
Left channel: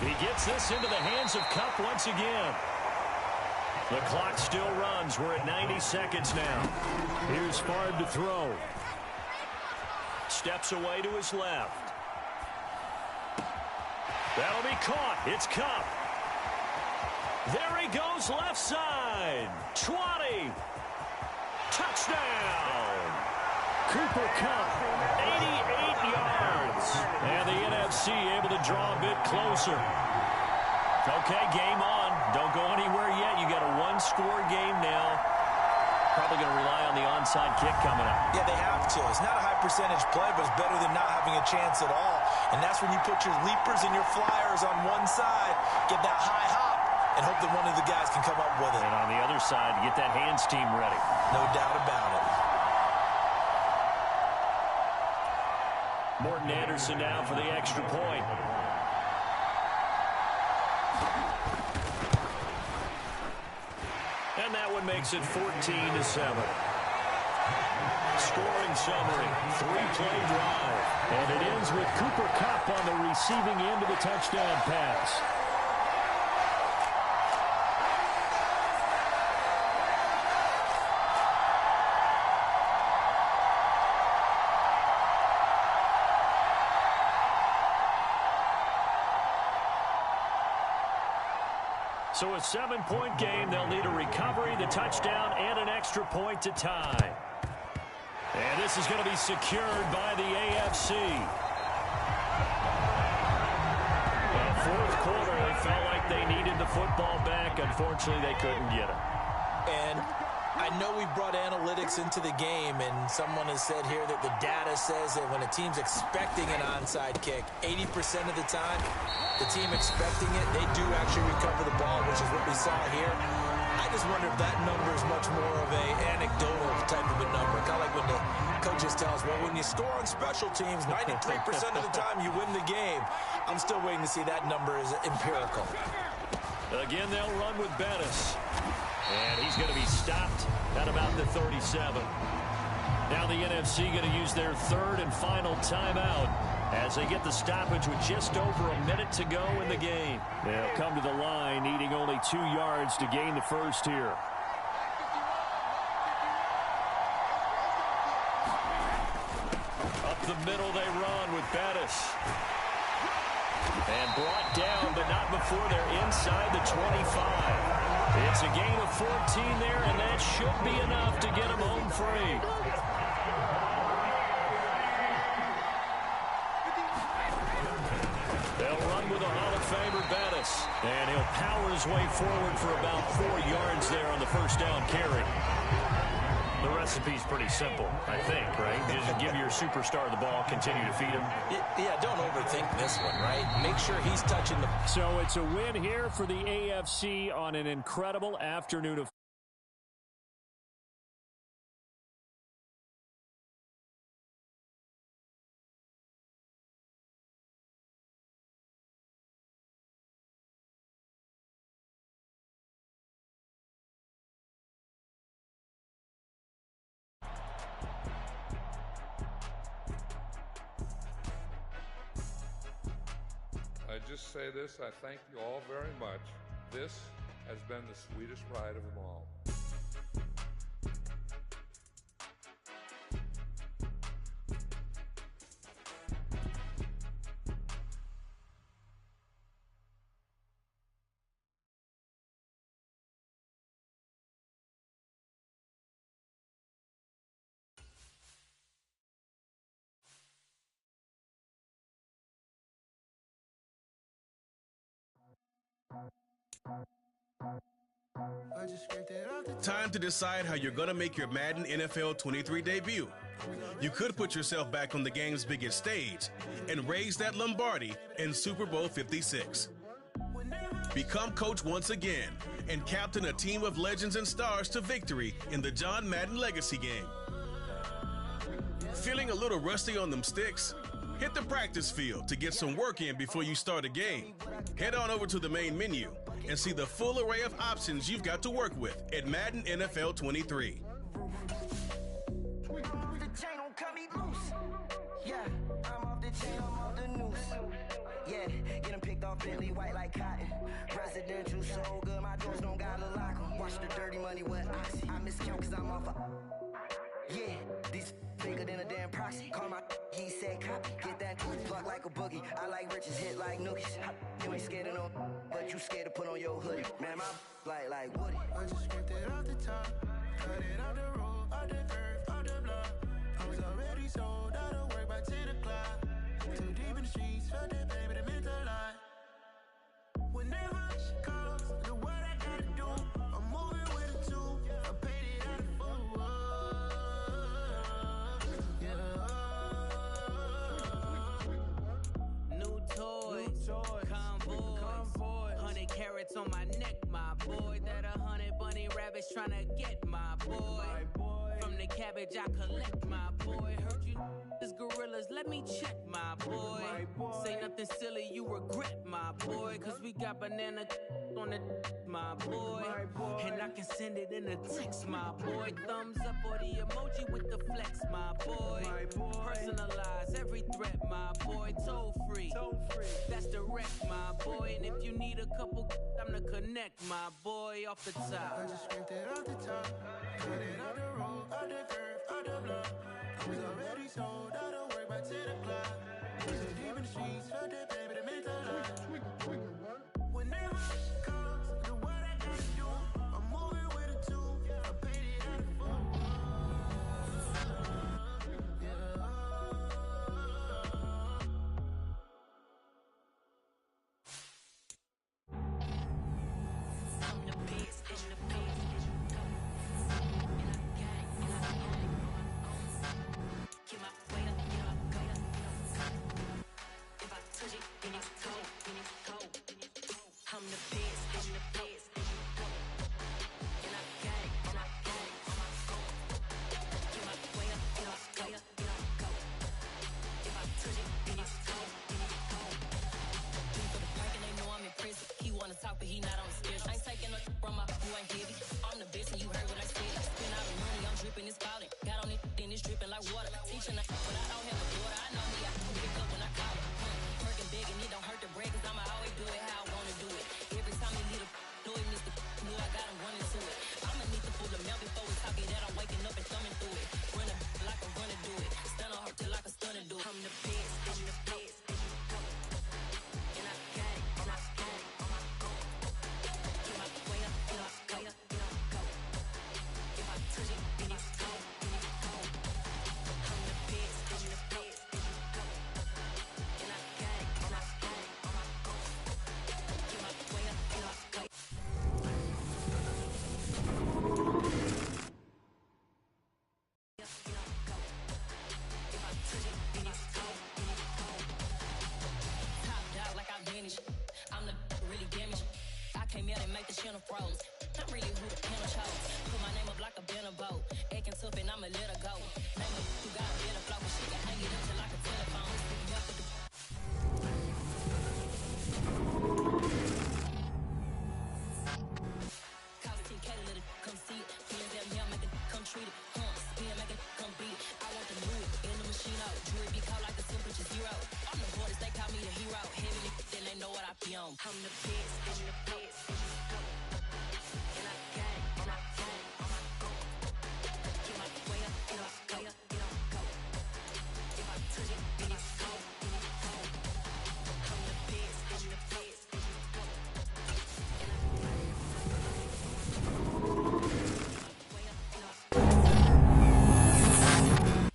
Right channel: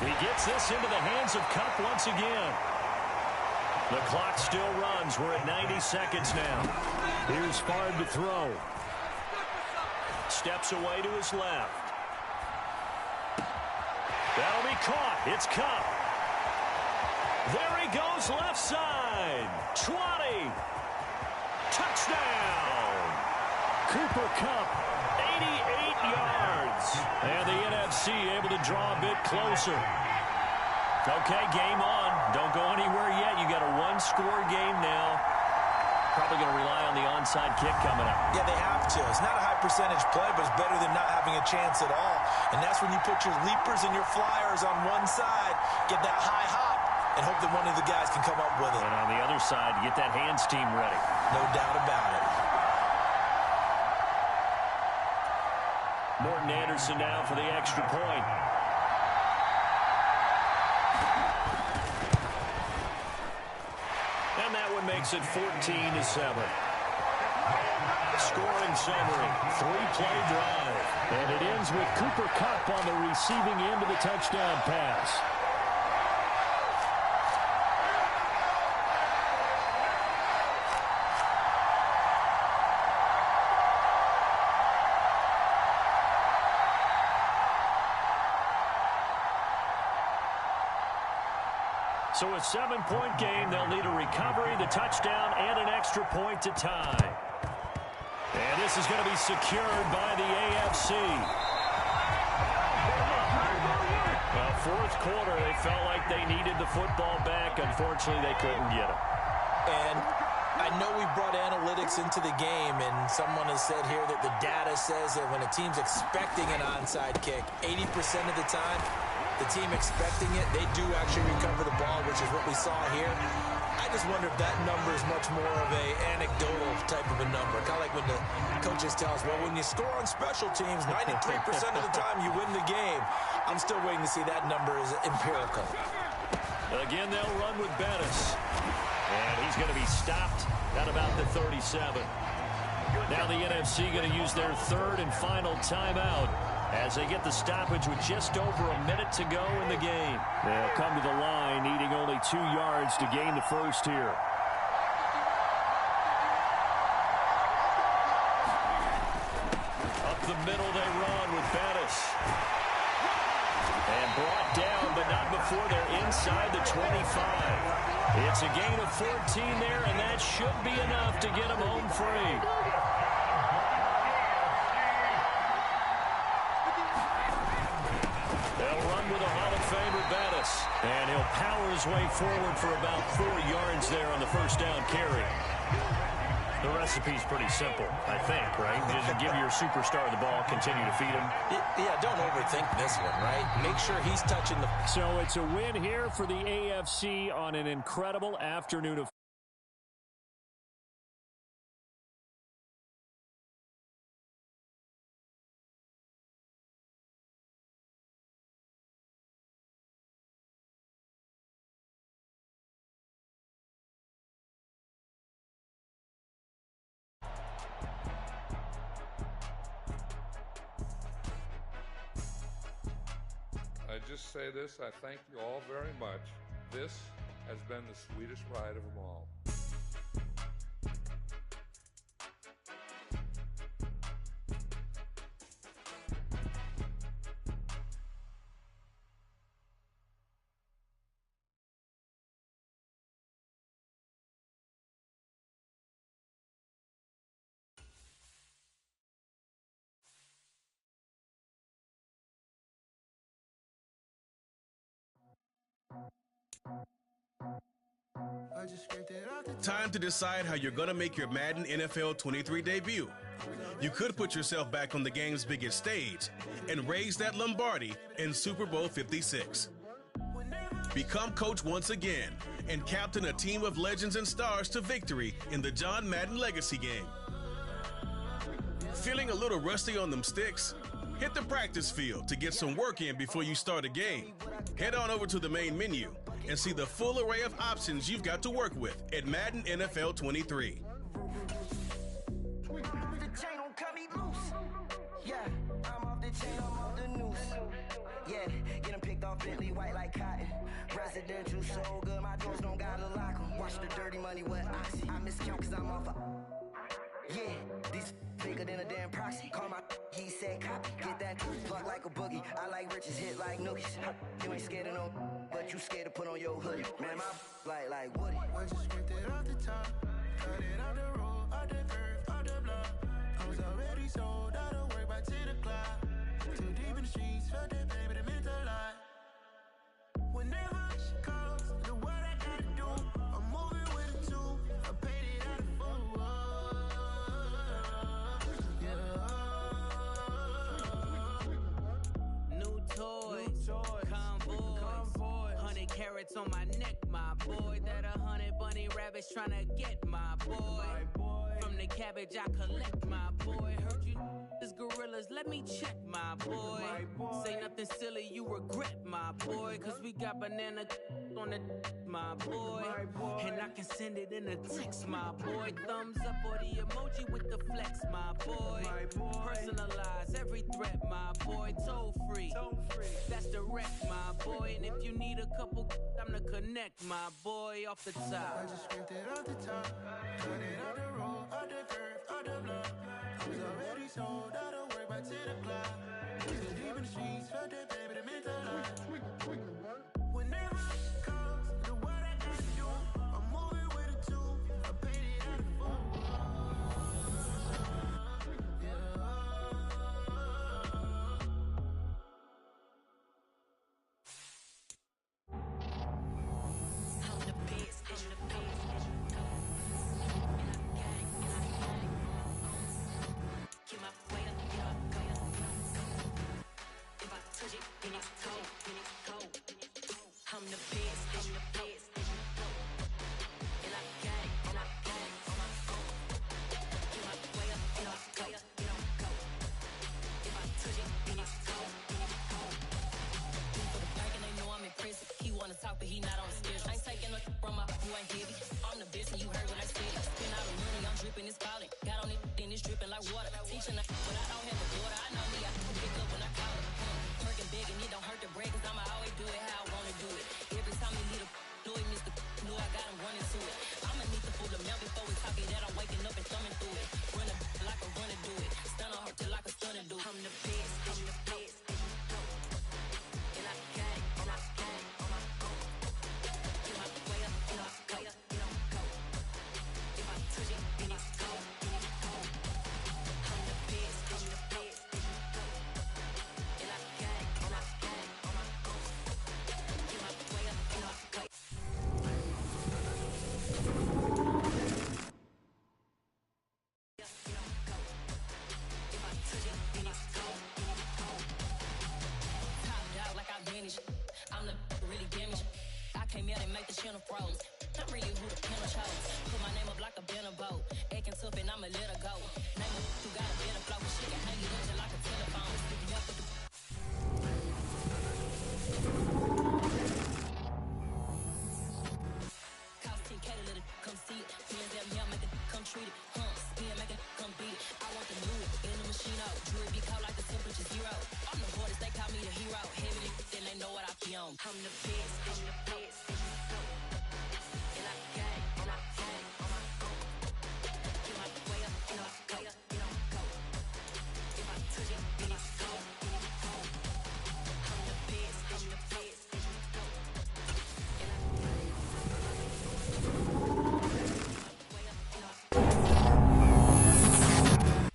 He gets this into the hands of Kupp once again. The clock still runs. We're at 90 seconds now. Here's Favre to throw. Steps away to his left. That'll be caught. It's Kupp. There he goes left side. 20. Touchdown. Cooper Kupp, 88 yards. And the NFC able to draw a bit closer. Okay, game on. Don't go anywhere yet. You got a 1-score game now. Probably going to rely on the onside kick coming up. Yeah, they have to. It's not a high percentage play, but it's better than not having a chance at all. And that's when you put your leapers and your flyers on one side, get that high hop, and hope that one of the guys can come up with it. And on the other side, get that hands team ready. No doubt about it. Morton Anderson now for the extra point. And that one makes it 14-7. Scoring summary, 3-play drive. And it ends with Cooper Kupp on the receiving end of the touchdown pass. So a 7-point game. They'll need a recovery, the touchdown, and an extra point to tie. And this is going to be secured by the AFC. Well, fourth quarter, they felt like they needed the football back. Unfortunately, they couldn't get it. And I know we brought analytics into the game, and someone has said here that the data says that when a team's expecting an onside kick, 80% of the time, the team expecting it, they do actually recover the ball, which is what we saw here. I just wonder if that number is much more of a anecdotal type of a number. Kind of like when the coaches tell us, well, when you score on special teams, 93% of the time you win the game. I'm still waiting to see that number is empirical. Again, they'll run with Bettis. And he's going to be stopped at about the 37. Now the NFC going to use their third and final timeout as they get the stoppage with just over a minute to go in the game. They'll come to the line needing only 2 yards to gain the first here. Up the middle they run with Bettis. And brought down, but not before they're inside the 25. It's a gain of 14 there, and that should be enough to get them home free. They'll run with a Hall of Famer, Bettis. And he'll power his way forward for about 4 yards there on the first down carry. The recipe's pretty simple, I think, right? Just give your superstar the ball, continue to feed him. Yeah, don't overthink this one, right? Make sure he's touching the... So it's a win here for the AFC on an incredible afternoon of... I just say this, I thank you all very much. This has been the sweetest ride of them all. Time to decide how you're going to make your Madden NFL 23 debut. You could put yourself back on the game's biggest stage and raise that Lombardi in Super Bowl 56. Become coach once again and captain a team of legends and stars to victory in the John Madden Legacy game. Feeling a little rusty on them sticks? Hit the practice field to get some work in before you start a game. Head on over to the main menu and see the full array of options you've got to work with at Madden NFL 23. Yeah, I'm off the chain, I'm off the noose. Yeah, get them picked off Bentley white like cotton. Residential so good, my doors don't gotta lock them. Watch the dirty money with oxy. I miscount cause I'm off a... Yeah, these bigger than a damn proxy. Call my he said copy. Get that pluck like a boogie. I like riches, hit like nookies. You ain't scared of no, but you scared to put on your hoodie. Man, my like Woody. I just scraped it off the top. Cut it off the road, off the curve, off the block. I was already sold out of work by 10 o'clock. Too deep in the streets, felt that baby, that meant a lot. Whenever she calls, do what I gotta do. I'm moving with a two. I paid it out of full. New toys, convoys, 100 carats on my neck, my boy. That 100 bunny rabbits tryna get my boy. From the cabbage I collect, my boy. Heard you is gorillas, let me check, my boy. Say nothing silly, you regret, my boy. Cause we got banana on the my boy. And I can send it in a text, my boy. Thumbs up or the emoji with the flex, my boy. Personalize every threat, my boy. Toll free, that's direct, my boy. And if you need a couple, I'm to connect, my boy, off the top. I just scraped it off the top, cut it out the road, out the curve, out the block. I was already sold, out of work by 10 o'clock. So deep in the streets, felt that baby, that meant a lot. Whenever it comes to what I gotta do, I'm moving with a two. I paid it out of the phone. I'm the best, I'm the best. Get my way up, get up, go. If I touch it, then it's cold, then it's cold. I'm the best, I'm the best. And I got it, and I got it on my own. Get my way up, get up, go, get up, go. If I touch it, then it's cold, then it's cold. Do for the bank and they know I'm in prison. He wanna talk, but he not on the schedule. I ain't taking nothing from my who ain't heavy. I'm the best, and you heard what I said. Spend all the money, I'm dripping, it's falling. Got on it, then it's dripping like water. Teaching her, but I don't have a daughter. I know me, I can pick up when I call her. Working big and it don't hurt the break, cause I'ma always do it how I wanna do it. Every time he lead a know he missed the know I got him running to it. I'ma need to pull the mail before we talk it that I'm waking up and thumbing through it. Run a like a runner do it. Stun on her till like a stunner do it. I'm the best, I'm the best. And I got it, and I got it on my own. Get my way up, get up, go, get up, go. If I touch it, then it's cold, then it's cold. I'm the best, I'm the best. And I got it, and I got it on my own. Get my way up, get up, go. Get up, go. If I touch it, then it's cold, then it's cold. Top dog like I manage. I'm the really damaged. I came out and make the channel froze. I'm really who the panel chose. Put my name up like a banner boat. Acting tough and I'ma let her go. Name her who got a better flow, but she can hang it up just like a telephone. Stick up with the Cause TK to let it come see it. Feelings that me, make it come treat it. Spin, make it come beat it. I want the new it in the machine out. Jewelry be cold like the temperature zero. I'm the hardest, they call me the hero. Heavy, then they know what I be on. I'm the best, I'm the best. And I got it, and I got it on my own. Get my way up, get up, go, get up, go. If I touch it, then it's cold, then it's cold. I'm the best, I'm the best. And I got it. Way up, get up.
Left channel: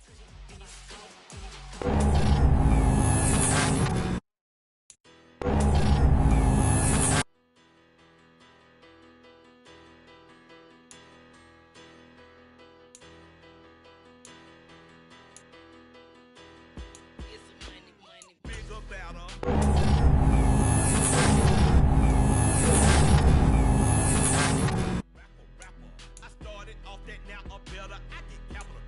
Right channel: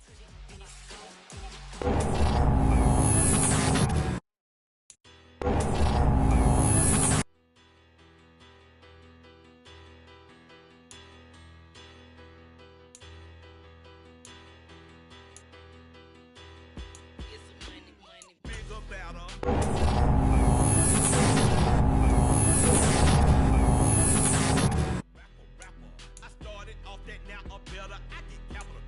Touch it, then it's cold, then it's cold. Bigger, better. Rapper. I started off that, now I'm better. I get capital.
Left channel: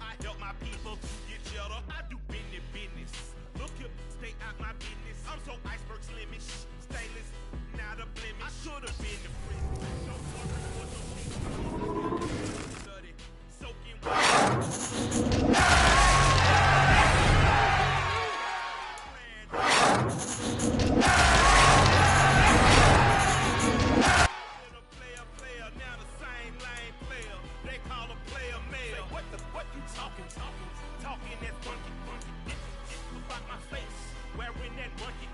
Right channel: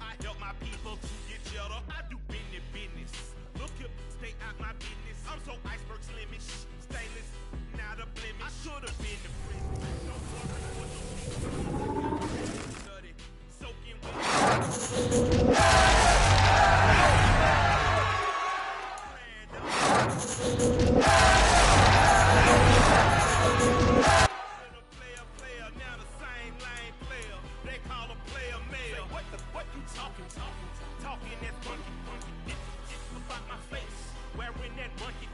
I help my people to get cheddar. I do business. Look here, stay out my business. I'm so iceberg slimish. Stainless, not a blemish. I should have been to prison. Don't worry for the people. Study, soaking wet. Player, now the same lane player. They call a player male. What you talking? Talking that funky. It's about my face. Wearing that monkey.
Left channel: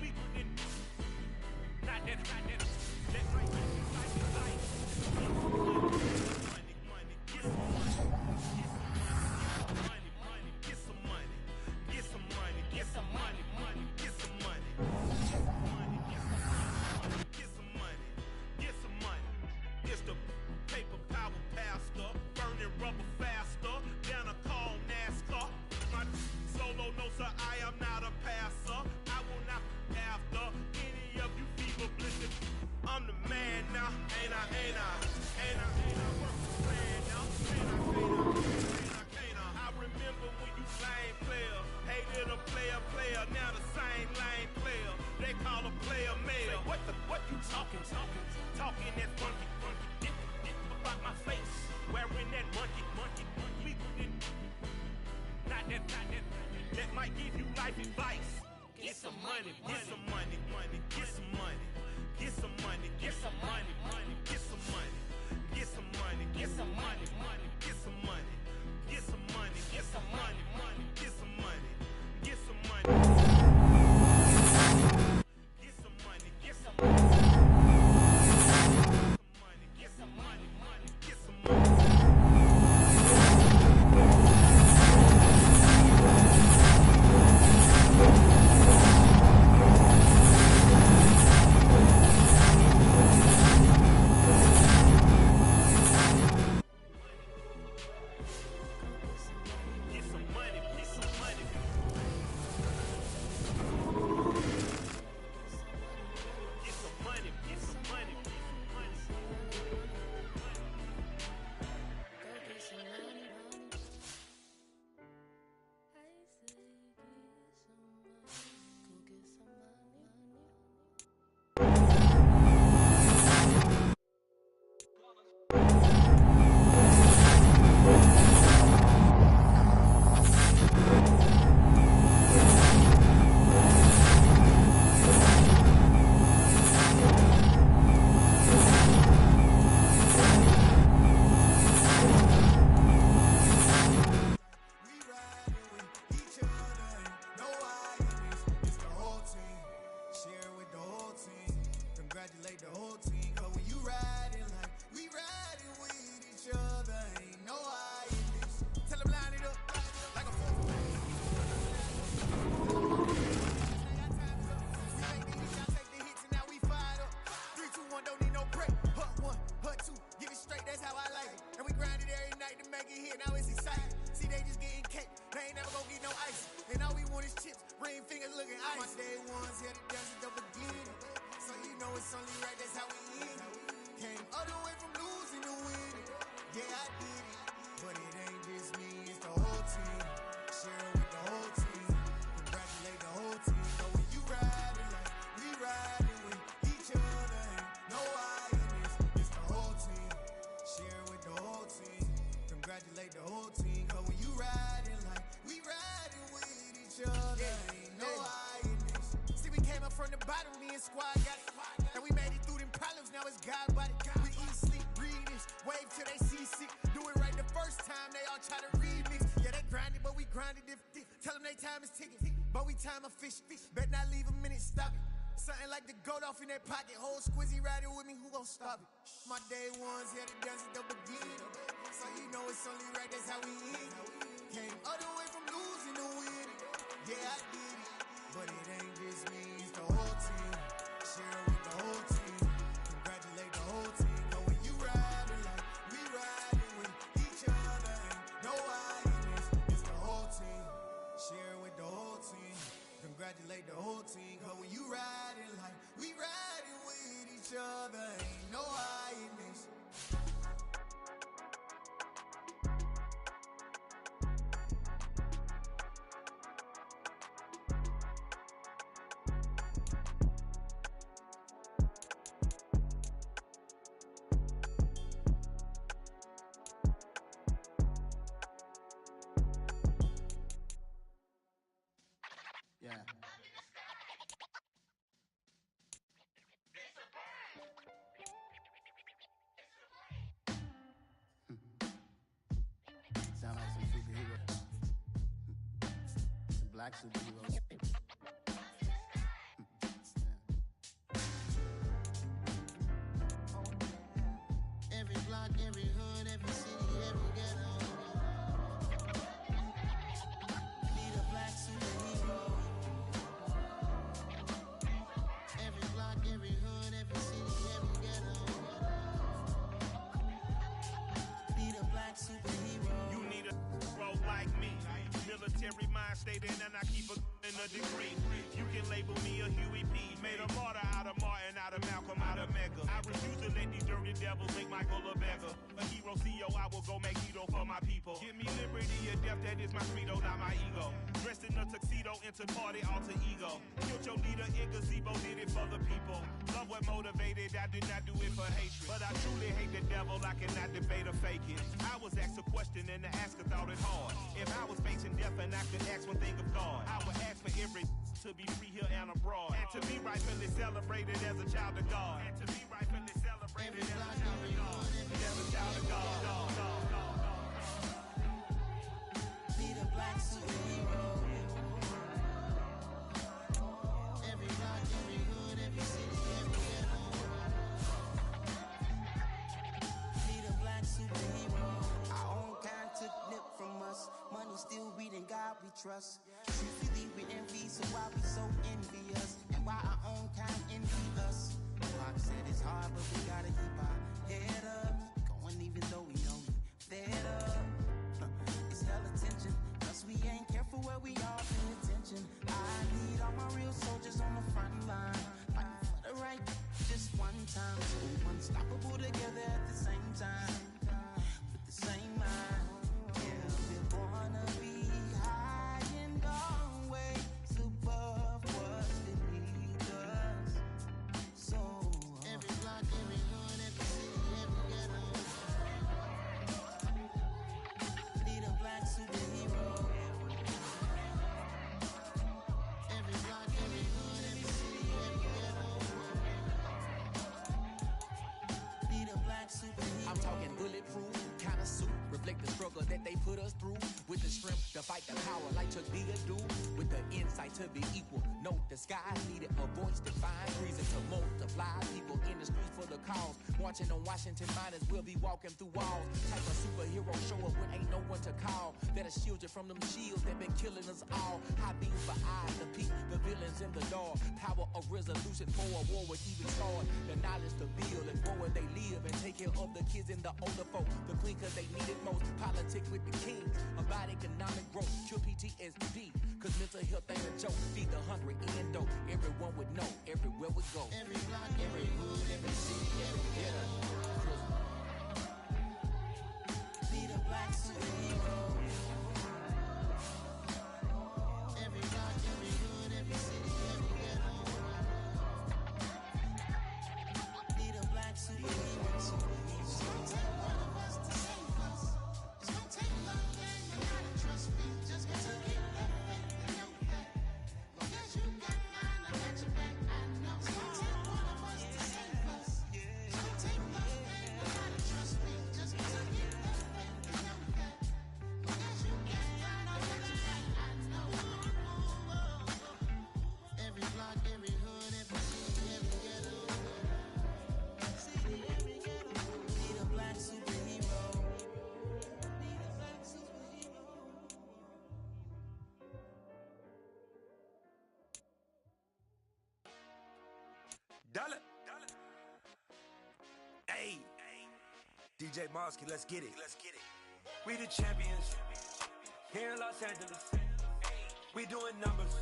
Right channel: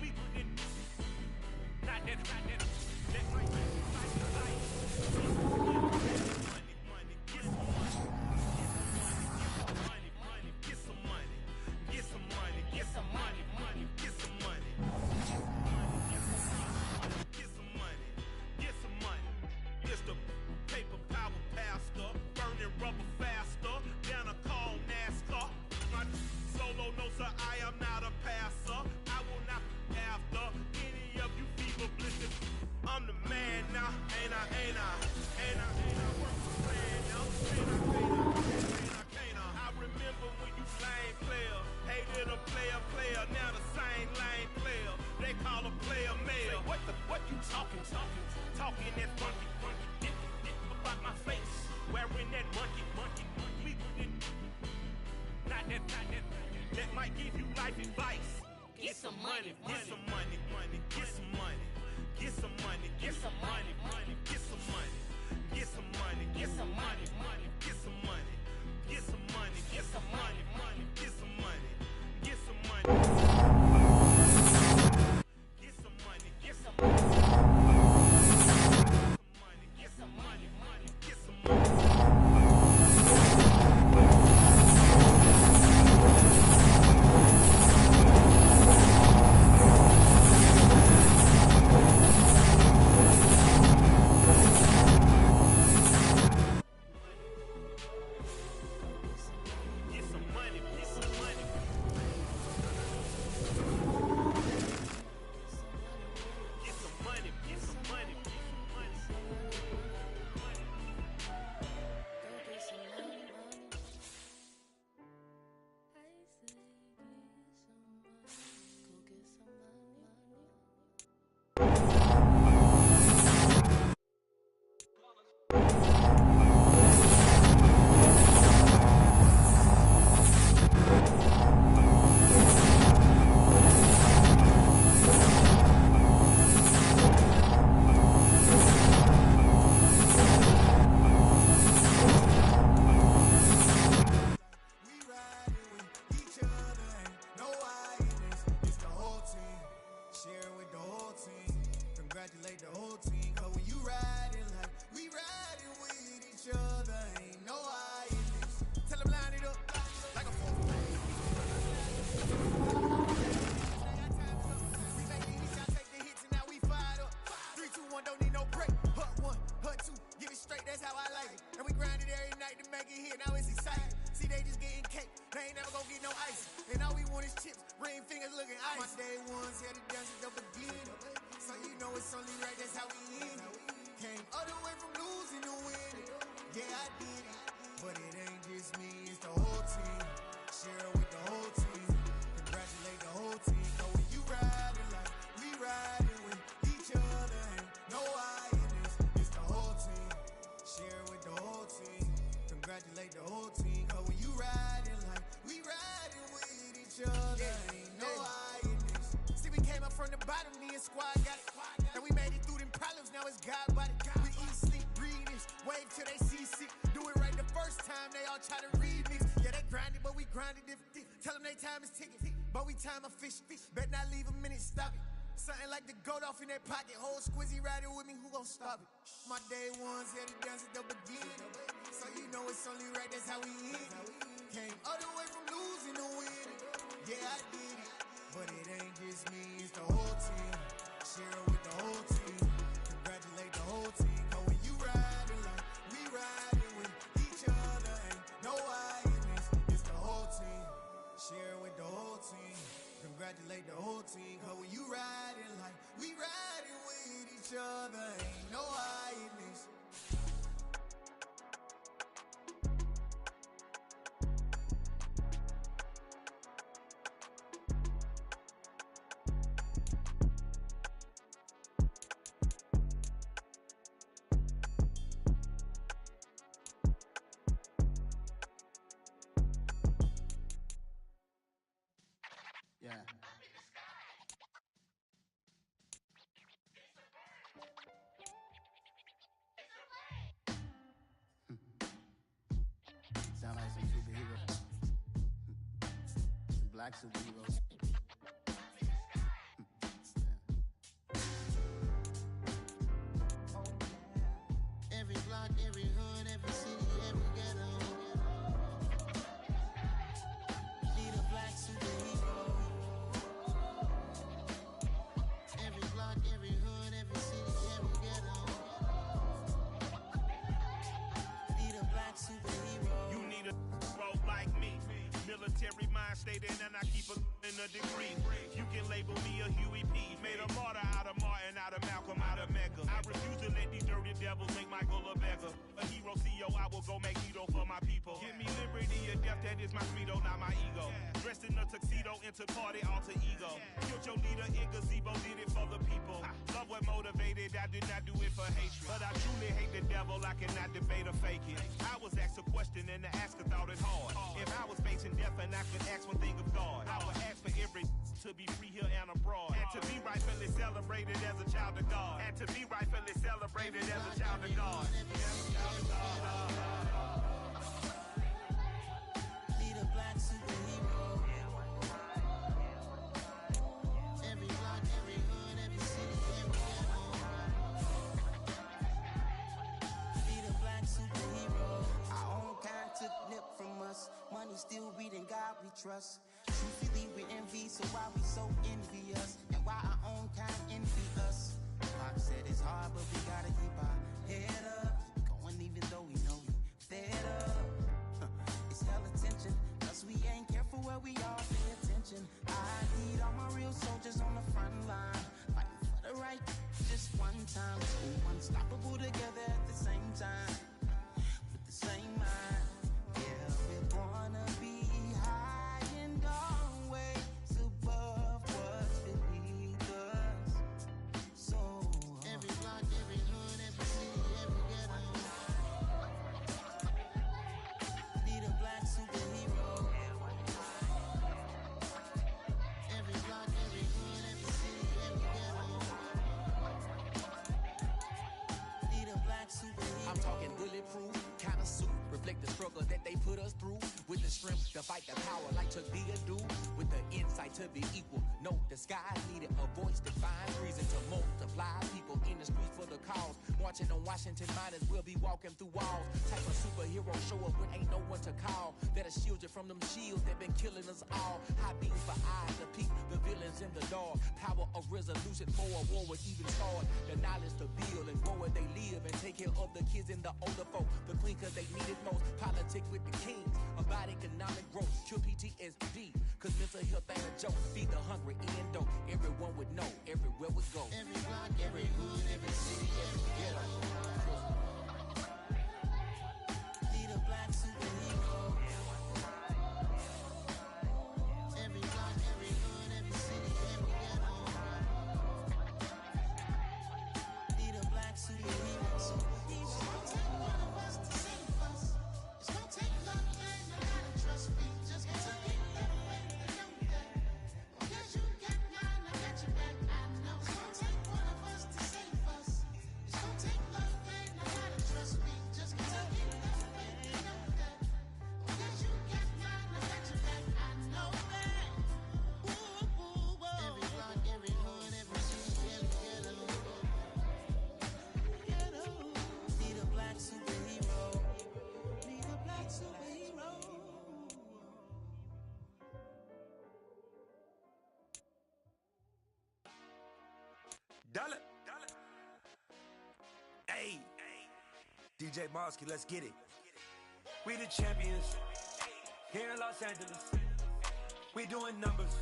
We didn't. Not that. That right. Like. Money. Get some money. Get some money. Get some money. Get some money. Get some money. Get some money. Get some money. It's the paper power pastor, burning rubber faster than a call NASCAR. My solo no sir, I am not a passer. I will not after any of you fever blizzard. I'm the man now, ain't I? Work might give you life advice. Get some money, get some money, get some money, get some money, get some money, get some money, get some money, get some money, get some money, get some money, get some money, get some money, get some money, get some money, get some money. Squad got it, and we made it through them problems. Now it's God body. We eat, sleep, breathe this. Wave till they seasick. Do it right the first time. They all try to remix. Yeah, they grinded, but we grinded different. Tell them they time is ticking, but we time a fish. Bet not leave a minute, stop it. Something like the goat off in their pocket. Whole squizzy riding with me, who gon' stop it? My day ones here to dance at the beginning. So you know it's only right, that's how we end. Came all the way from losing to winning. Yeah, I did it, but it ain't just me, it's the whole team. Share with the whole team. Congratulate the whole team. Cause when you riding like we riding with each other, ain't no I in this, it's the whole team. Share with the whole team. Congratulate the whole team. Cause when you riding like we riding with each other, ain't no I in this. Yeah. Sound like some superheroes. Some black superheroes. Oh, yeah. Every block, every hood, every city, every ghetto. Need a black superhero. Every block, every hood, every city, every ghetto. Need a black superhero. You need a hero like me. Military mind stated, and I keep in a degree. You can label me a Huey P. Made a martyr out of Martin, out of Malcolm, out of Mega. I refuse to let these dirty devils make Michael a beggar. A hero CEO, I will go Magneto for my people. Give me liberty or death, that is my credo, not my ego. Dressed in a tuxedo, into party, alter ego. Killed your leader in gazebo, did it for the people. Love what motivated, I did not do it for hatred. But I truly hate the devil, I cannot debate or fake it. I was asked a question and the asker thought it hard. If I was facing death and I could ask one thing of God. I would ask for every to be free here and abroad, and to be rightfully celebrated as a child of God, and to be rightfully celebrated as a child of God. Need a black superhero. Every block, every hood, every city, every ghetto. Need a black superhero. Our own kind took nip from us. Money still reading God we trust. Truthfully we envy, so why we so envious? And why our own kind envy us? Pac said it's hard, but we gotta keep our head up. Going even though we know we fed up. It's hell attention, cause we ain't careful where we all pay attention. I need all my real soldiers on the front line, fighting for the right just one time. So unstoppable together at the same time, with the same mind. Yeah, we're born to be high and always above what's beneath us. So every block, every hood, every city, every ghetto. Need a black superhero. Every block, every hood, every city, every ghetto. Need a black superhero. I'm talking bulletproof, kind of suit, reflect the struggle that they put us through. With the strength to fight the power like Chuck D do. With the insight to be equal. Note the sky needed a voice that finds reason to multiply. People in the streets for the cause. Marching on Washington miners will be walking through walls. Type of superhero show up when ain't no one to call. That'll shield you from them shields that been killing us all. High beams for eyes to peek the villains in the dark. Power of resolution for a war would even start. The knowledge to build and grow where they live and take care of the kids and the older folk. The queen cause they need it most. Politics with the kings. About economic growth. Cure PTSD. Cause mental health ain't a joke. Feed the hungry and dope. Everyone would know. Everywhere we go. Every block, every hood, every city, every ghetto. Need a black superhero. Every block, every hood, every city, every ghetto. Need a black superhero. It's gonna take one of us to save us. It's gonna take love and a lot of trust. We just gotta get that faith and know that. Because you got mine, I got your back. I know. It's gonna take one of us to save us. It's gonna take love and a lot of trust. We just gotta get that faith and know that. Because you got mine, I got your back. I know. Every block, every hood, every city, every ghetto. Need a black superhero. Dollar. Hey, DJ Mosky, let's get it. We the champions here in Los Angeles. We doing numbers.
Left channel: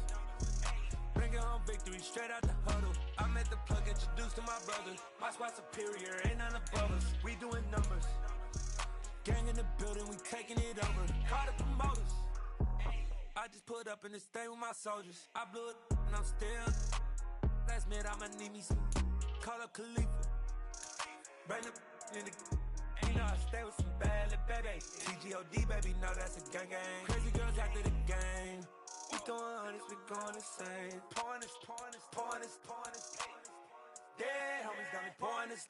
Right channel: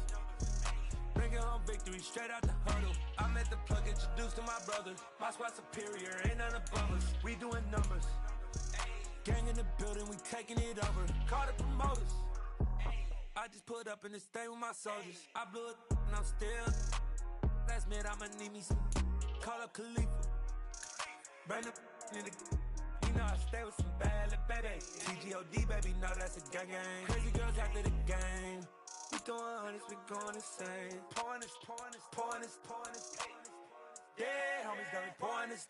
Bringing home victory straight out the huddle. I'm at the plug, introduced to my brother. My squad superior, ain't none above us. We doing numbers. Gang in the building, we taking it over. Call the promoters. I just put up in this thing with my soldiers. I blew it and I'm still. Last minute I'ma need me some. Call up Khalifa. Bring the in the. You know I stay with some bad little baby. TGOD baby, know that's a gang gang. Crazy girls after the game. We throwing hundreds, we going insane. Pouring this. Yeah, homies got me pouring this.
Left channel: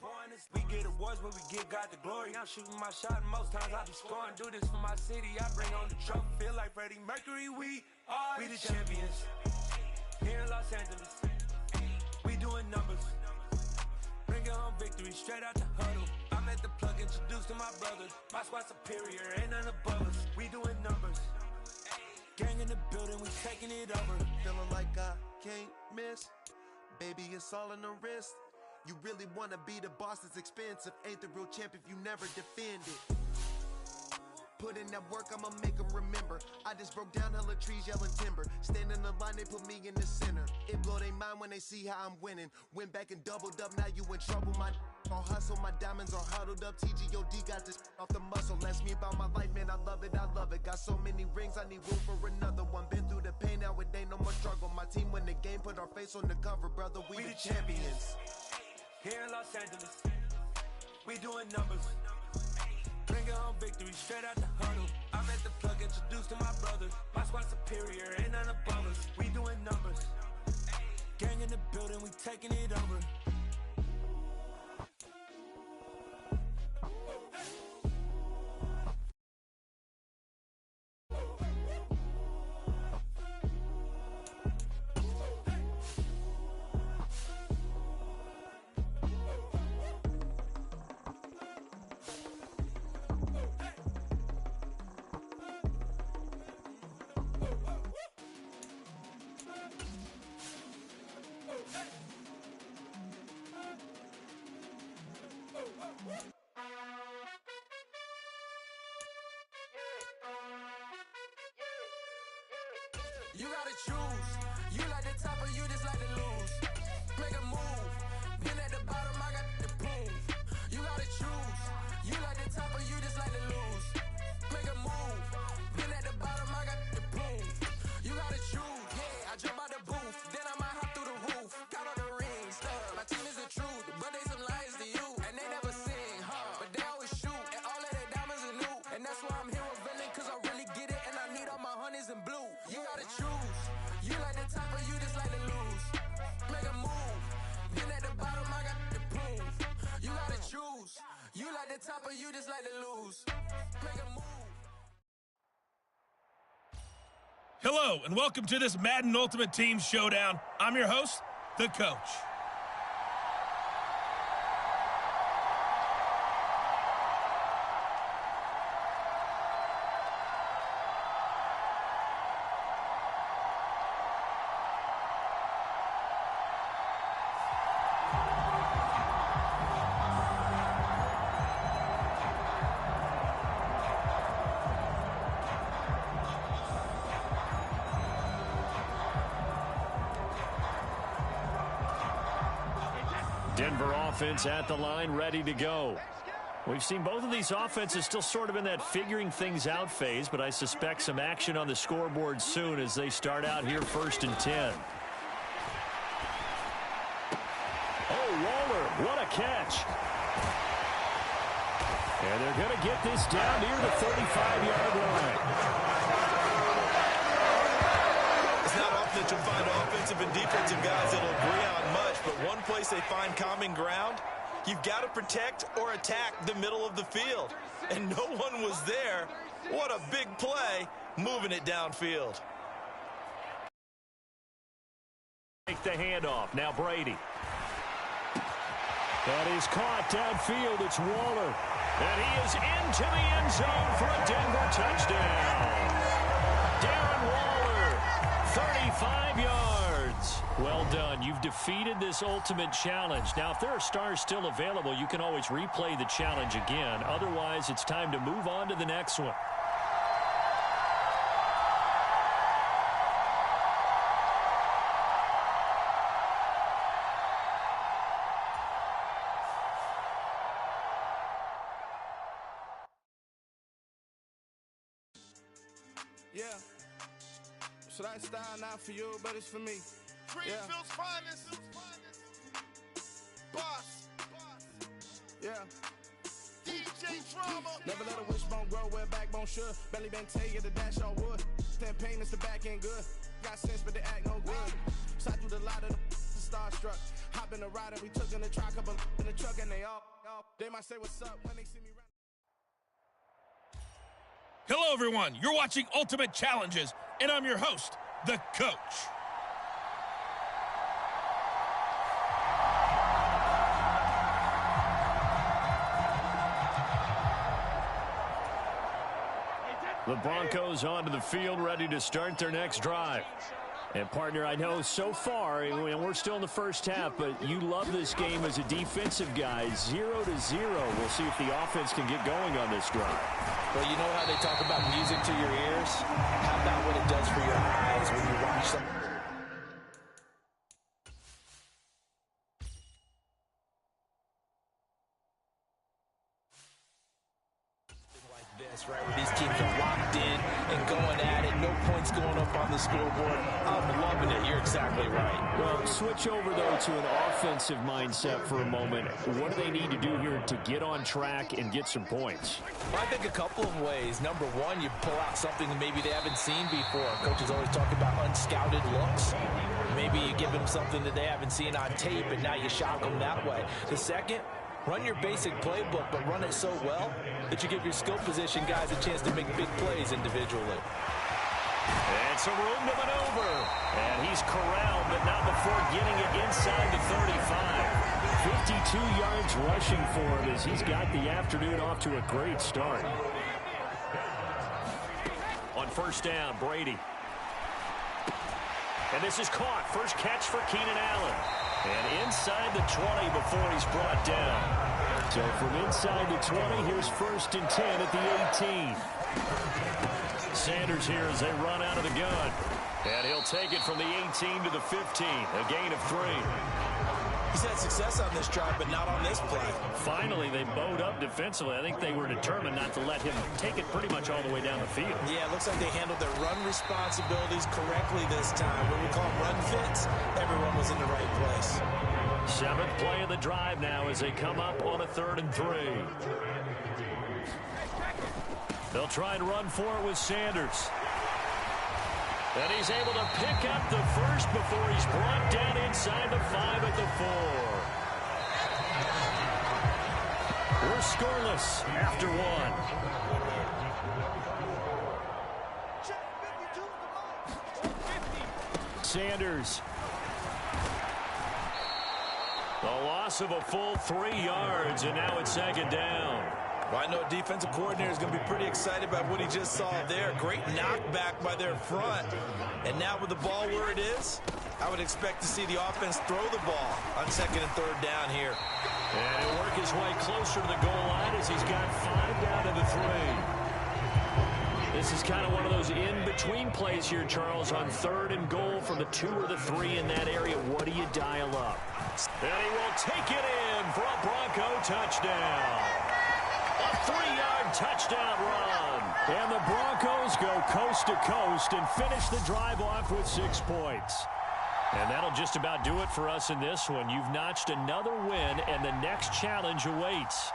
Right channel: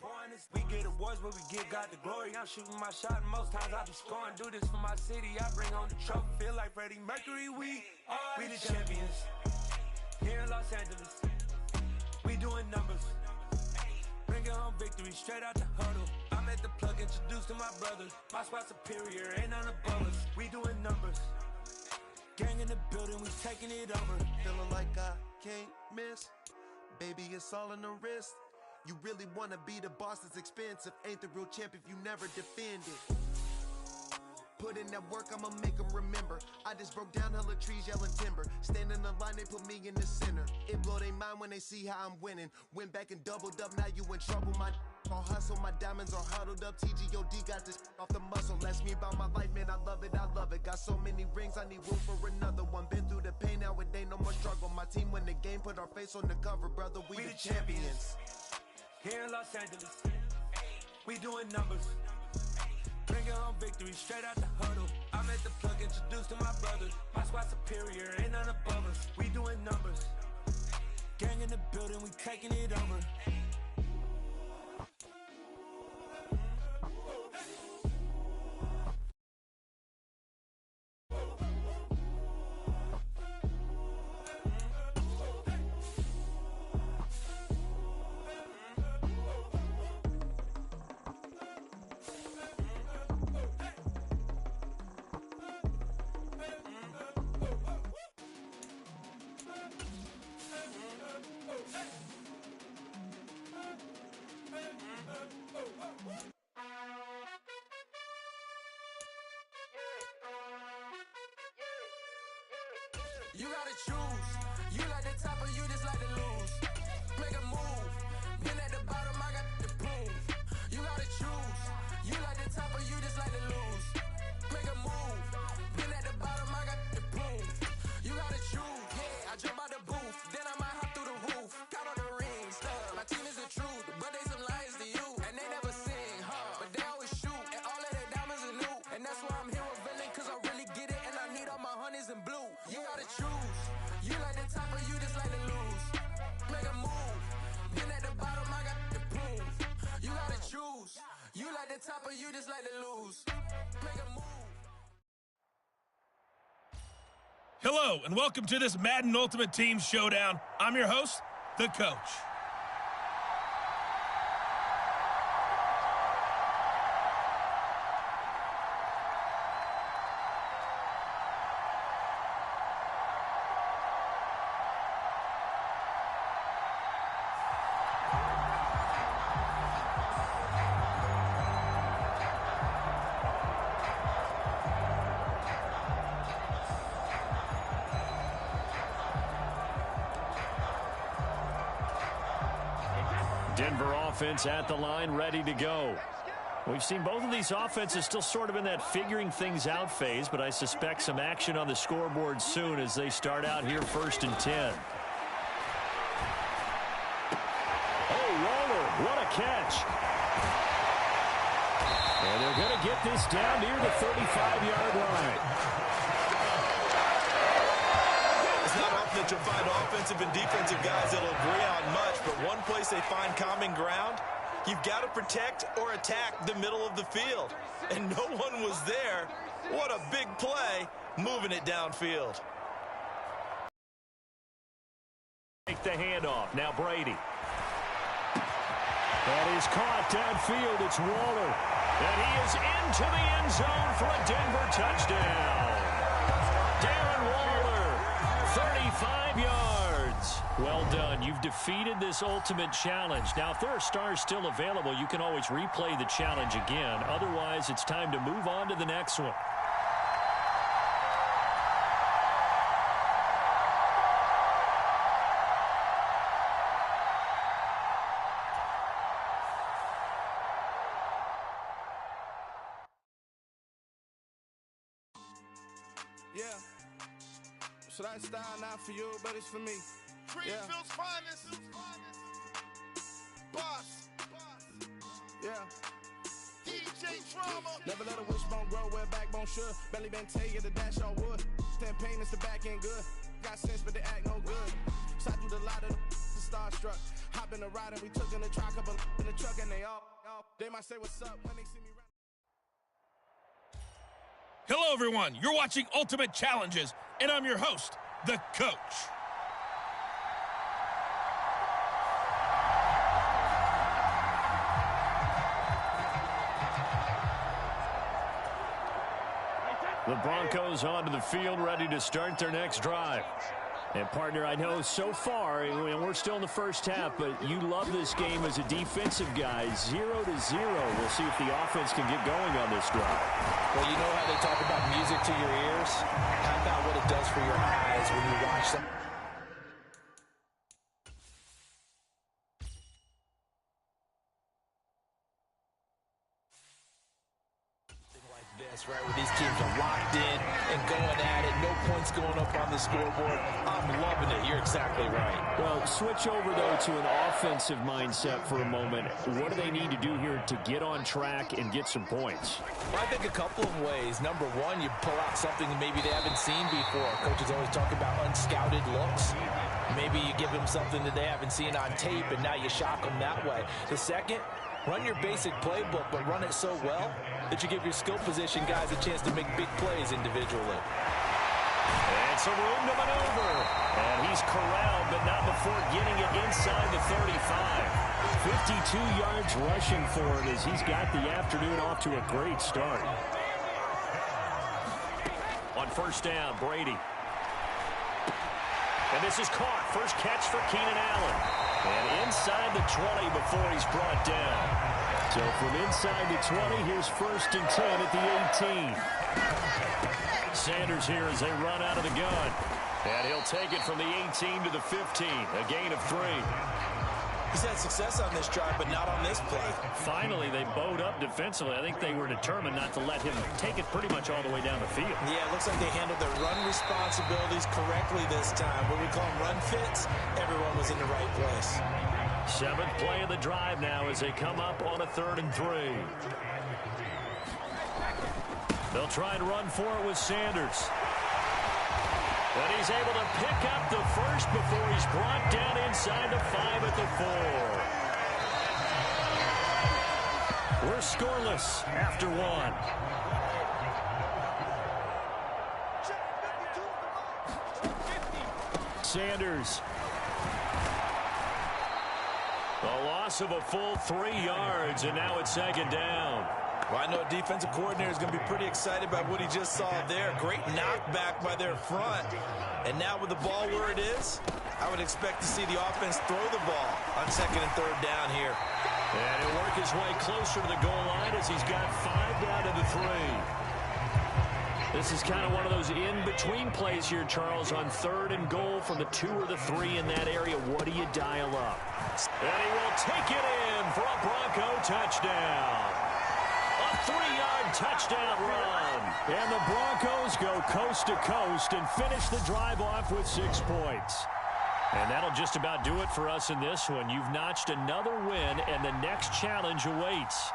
We get awards, but we give God the glory. I'm shooting my shot, and most times I be scoring. Do this for my city, I bring on the trophy. Feel like Freddie Mercury, we the champions. Here in Los Angeles, we doing numbers. Bringing home victory straight out the huddle. I'm at the plug, introduced to my brother. My squad superior, ain't none above us. We doing numbers. Gang in the building, we taking it over. Feeling like I can't miss. Baby, it's all in the wrist. You really wanna be the boss, it's expensive. Ain't the real champ if you never defend it. Put in that work, I'ma make them remember. I just broke down hella trees, yelling timber. Stand in the line, they put me in the center. It blow their mind when they see how I'm winning. Went back and doubled up, now you in trouble. My all hustle, my diamonds are huddled up. TGOD got this off the muscle. Ask me about my life, man, I love it. Got so many rings, I need room for another one. Been through the pain, now it ain't no more struggle. My team win the game, put our face on the cover, brother. We the champions. Here in Los Angeles, we doing numbers. Bringing home victory straight out the huddle. I'm at the plug, introduced to my brother. My squad superior, ain't none above us. We doing numbers. Gang in the building, we taking it over. You gotta choose. You like the top or you just like to lose. Make a move. Been at the bottom, I got the proof. You gotta choose. You like the top or you just like to lose. Make a move. Been at the bottom, I got the proof. You gotta choose. Yeah, I jump out the booth. Then I might hop through the roof. Count on the rings. My team is the truth, but they some liars to you. And they never sing, huh? But they always shoot. And all of their diamonds are new. And that's why I'm here with Villain, cause I really get it. And I need all my honeys in blue. You gotta choose. You like the top or you just like to lose. Make a move. Been at the bottom, I got the proof. You gotta choose. You like the top or you just like to lose. Make a move. Hello, and welcome to this Madden Ultimate Team Showdown. I'm your host, The Coach. Denver offense at the line, ready to go. We've seen both of these offenses still sort of in that figuring things out phase, but I suspect some action on the scoreboard soon as they start out here 1st and 10. Oh, Waller, what a catch. And they're going to get this down near the 35-yard line. It's not often that you'll find offensive and defensive guys that'll agree on much, but one place they find common ground, you've got to protect or attack the middle of the field. And no one was there. What a big play, moving it downfield. Take the handoff. Now Brady. That is caught downfield. It's Waller. And he is into the end zone for a Denver touchdown. Darren Waller, 35 yards. Well done. You've defeated this ultimate challenge. Now, if there are stars still available, you can always replay the challenge again. Otherwise, it's time to move on to the next one. Yeah. So that style not for you, but it's for me. Greenfield's finest. Boss. Yeah. DJ Drama. Never let a wishbone grow where backbone should. Belly been take it, the dash all wood. 10 payments, the back end good. Got sense, but they act no good. Shot through the lot of the starstruck. Hop in the ride and we took in the truck, couple in the truck, and they might say what's up when they see me run. Hello, everyone. You're watching Ultimate Challenges, and I'm your host, The Coach. The Broncos onto the field, ready to start their next drive. And, partner, I know so far, and we're still in the first half, but you love this game as a defensive guy. 0-0. We'll see if the offense can get going on this drive. Well, you know how they talk about music to your ears? How about what it does for your eyes when you watch them? Like this, right, where these teams are locked in and going at it. No points points going up on the scoreboard. I'm loving it. You're exactly right. Well, switch over, though, to an offensive mindset for a moment. What do they need to do here to get on track and get some points? Well, I think a couple of ways. Number one, you pull out something that maybe they haven't seen before. Coaches always talk about unscouted looks. Maybe you give them something that they haven't seen on tape, and now you shock them that way. The second, run your basic playbook, but run it so well that you give your skill position guys a chance to make big plays individually. It's a room to maneuver. And he's corralled, but not before getting it inside the 35. 52 yards rushing for him as he's got the afternoon off to a great start. On first down, Brady. And this is caught. First catch for Keenan Allen. And inside the 20 before he's brought down. So from inside the 20, here's first and 10 at the 18. Sanders here as they run out of the gun. And he'll take it from the 18 to the 15. A gain of 3. He's had success on this drive, but not on this play. Finally, they bowed up defensively. I think they were determined not to let him take it pretty much all the way down the field. Yeah, it looks like they handled their run responsibilities correctly this time. What we call them run fits, everyone was in the right place. 7th play of the drive now as they come up on a 3rd and 3. They'll try and run for it with Sanders. And he's able to pick up the first before he's brought down inside the 5 at the 4. We're scoreless after 1. Sanders. The loss of a full 3 yards, and now it's 2nd down. Well, I know a defensive coordinator is going to be pretty excited about what he just saw there. Great knockback by their front. And now with the ball where it is, I would expect to see the offense throw the ball on 2nd and 3rd down here. And he'll work his way closer to the goal line as he's got 5 down to the 3. This is kind of one of those in-between plays here, Charles, on 3rd and goal from the 2 or the 3 in that area. What do you dial up? And he will take it in for a Bronco touchdown. A 3-yard touchdown run. And the Broncos go coast to coast and finish the drive off with 6 points. And that'll just about do it for us in this one. You've notched another win, and the next challenge awaits.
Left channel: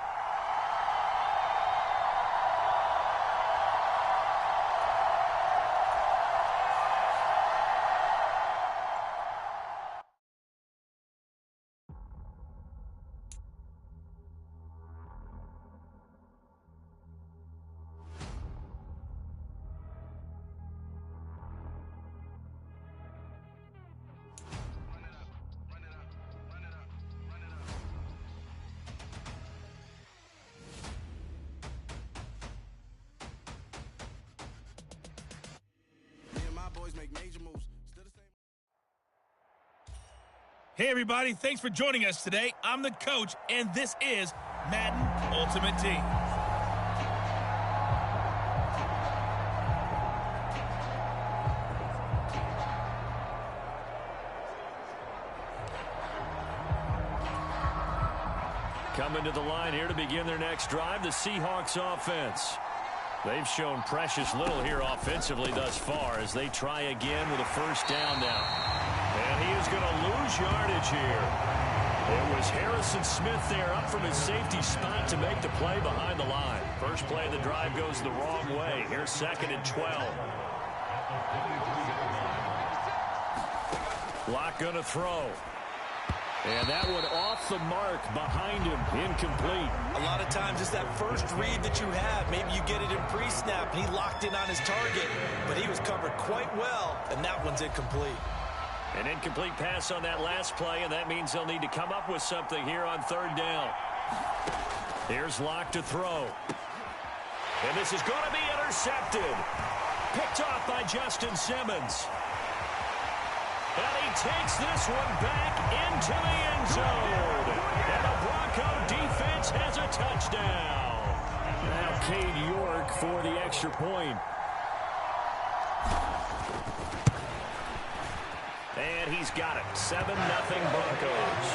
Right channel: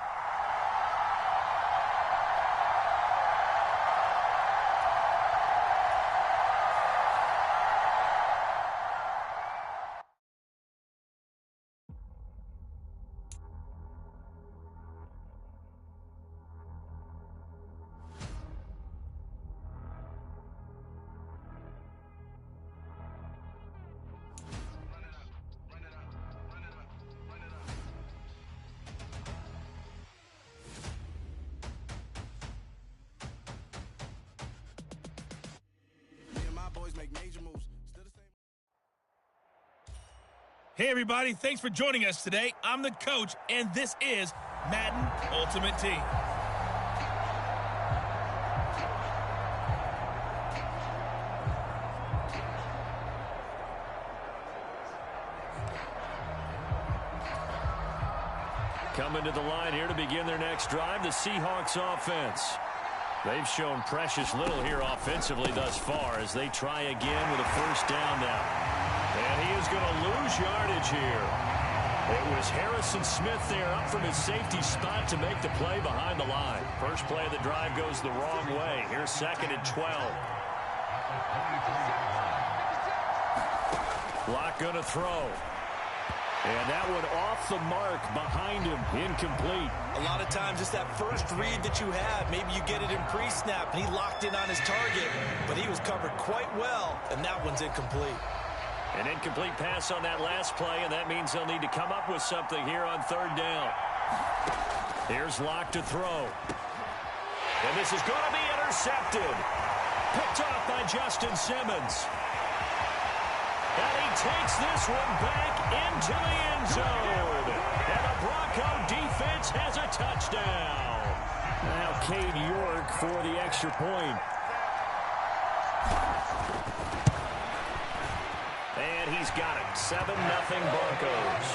Hey, everybody. Thanks for joining us today. I'm the coach, and this is Madden Ultimate Team. Coming to the line here to begin their next drive, the Seahawks offense. They've shown precious little here offensively thus far as they try again with a first down now. And he is going to lose yardage here. It was Harrison Smith there up from his safety spot to make the play behind the line. First play of the drive goes the wrong way. Here's 2nd and 12. Lock going to throw. And that one off the mark behind him, incomplete. A lot of times it's that first read that you have. Maybe you get it in pre-snap, and he locked in on his target, but he was covered quite well, and that one's incomplete. An incomplete pass on that last play, and that means they'll need to come up with something here on 3rd down. Here's Locke to throw. And this is going to be intercepted. Picked off by Justin Simmons. And he takes this one back into the end zone. And the Bronco defense has a touchdown. Now Cade York for the extra point. And he's got it. 7-0 Broncos.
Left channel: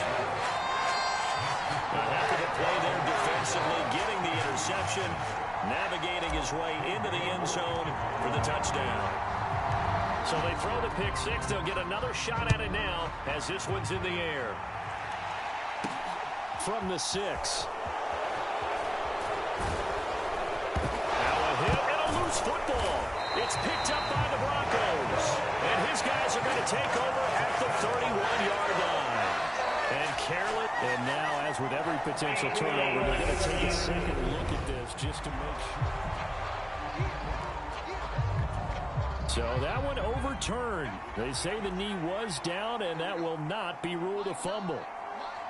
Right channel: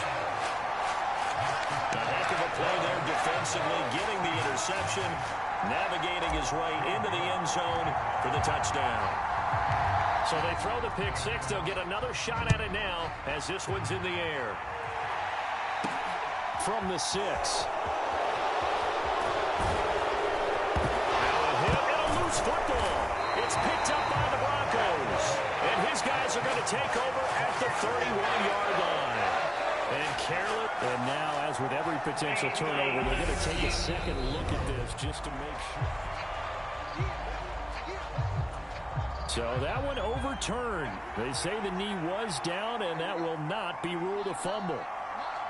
A heck of a play there defensively, getting the interception, navigating his way into the end zone for the touchdown. So they throw the pick six. They'll get another shot at it now as this one's in the air. From the 6. Now a hit and a loose football. It's picked up by the Broncos. And his guys are going to take over at the 31-yard line. And careless. And now, as with every potential turnover, they're going to take a second look at this just to make sure. So that one overturned. They say the knee was down, and that will not be ruled a fumble.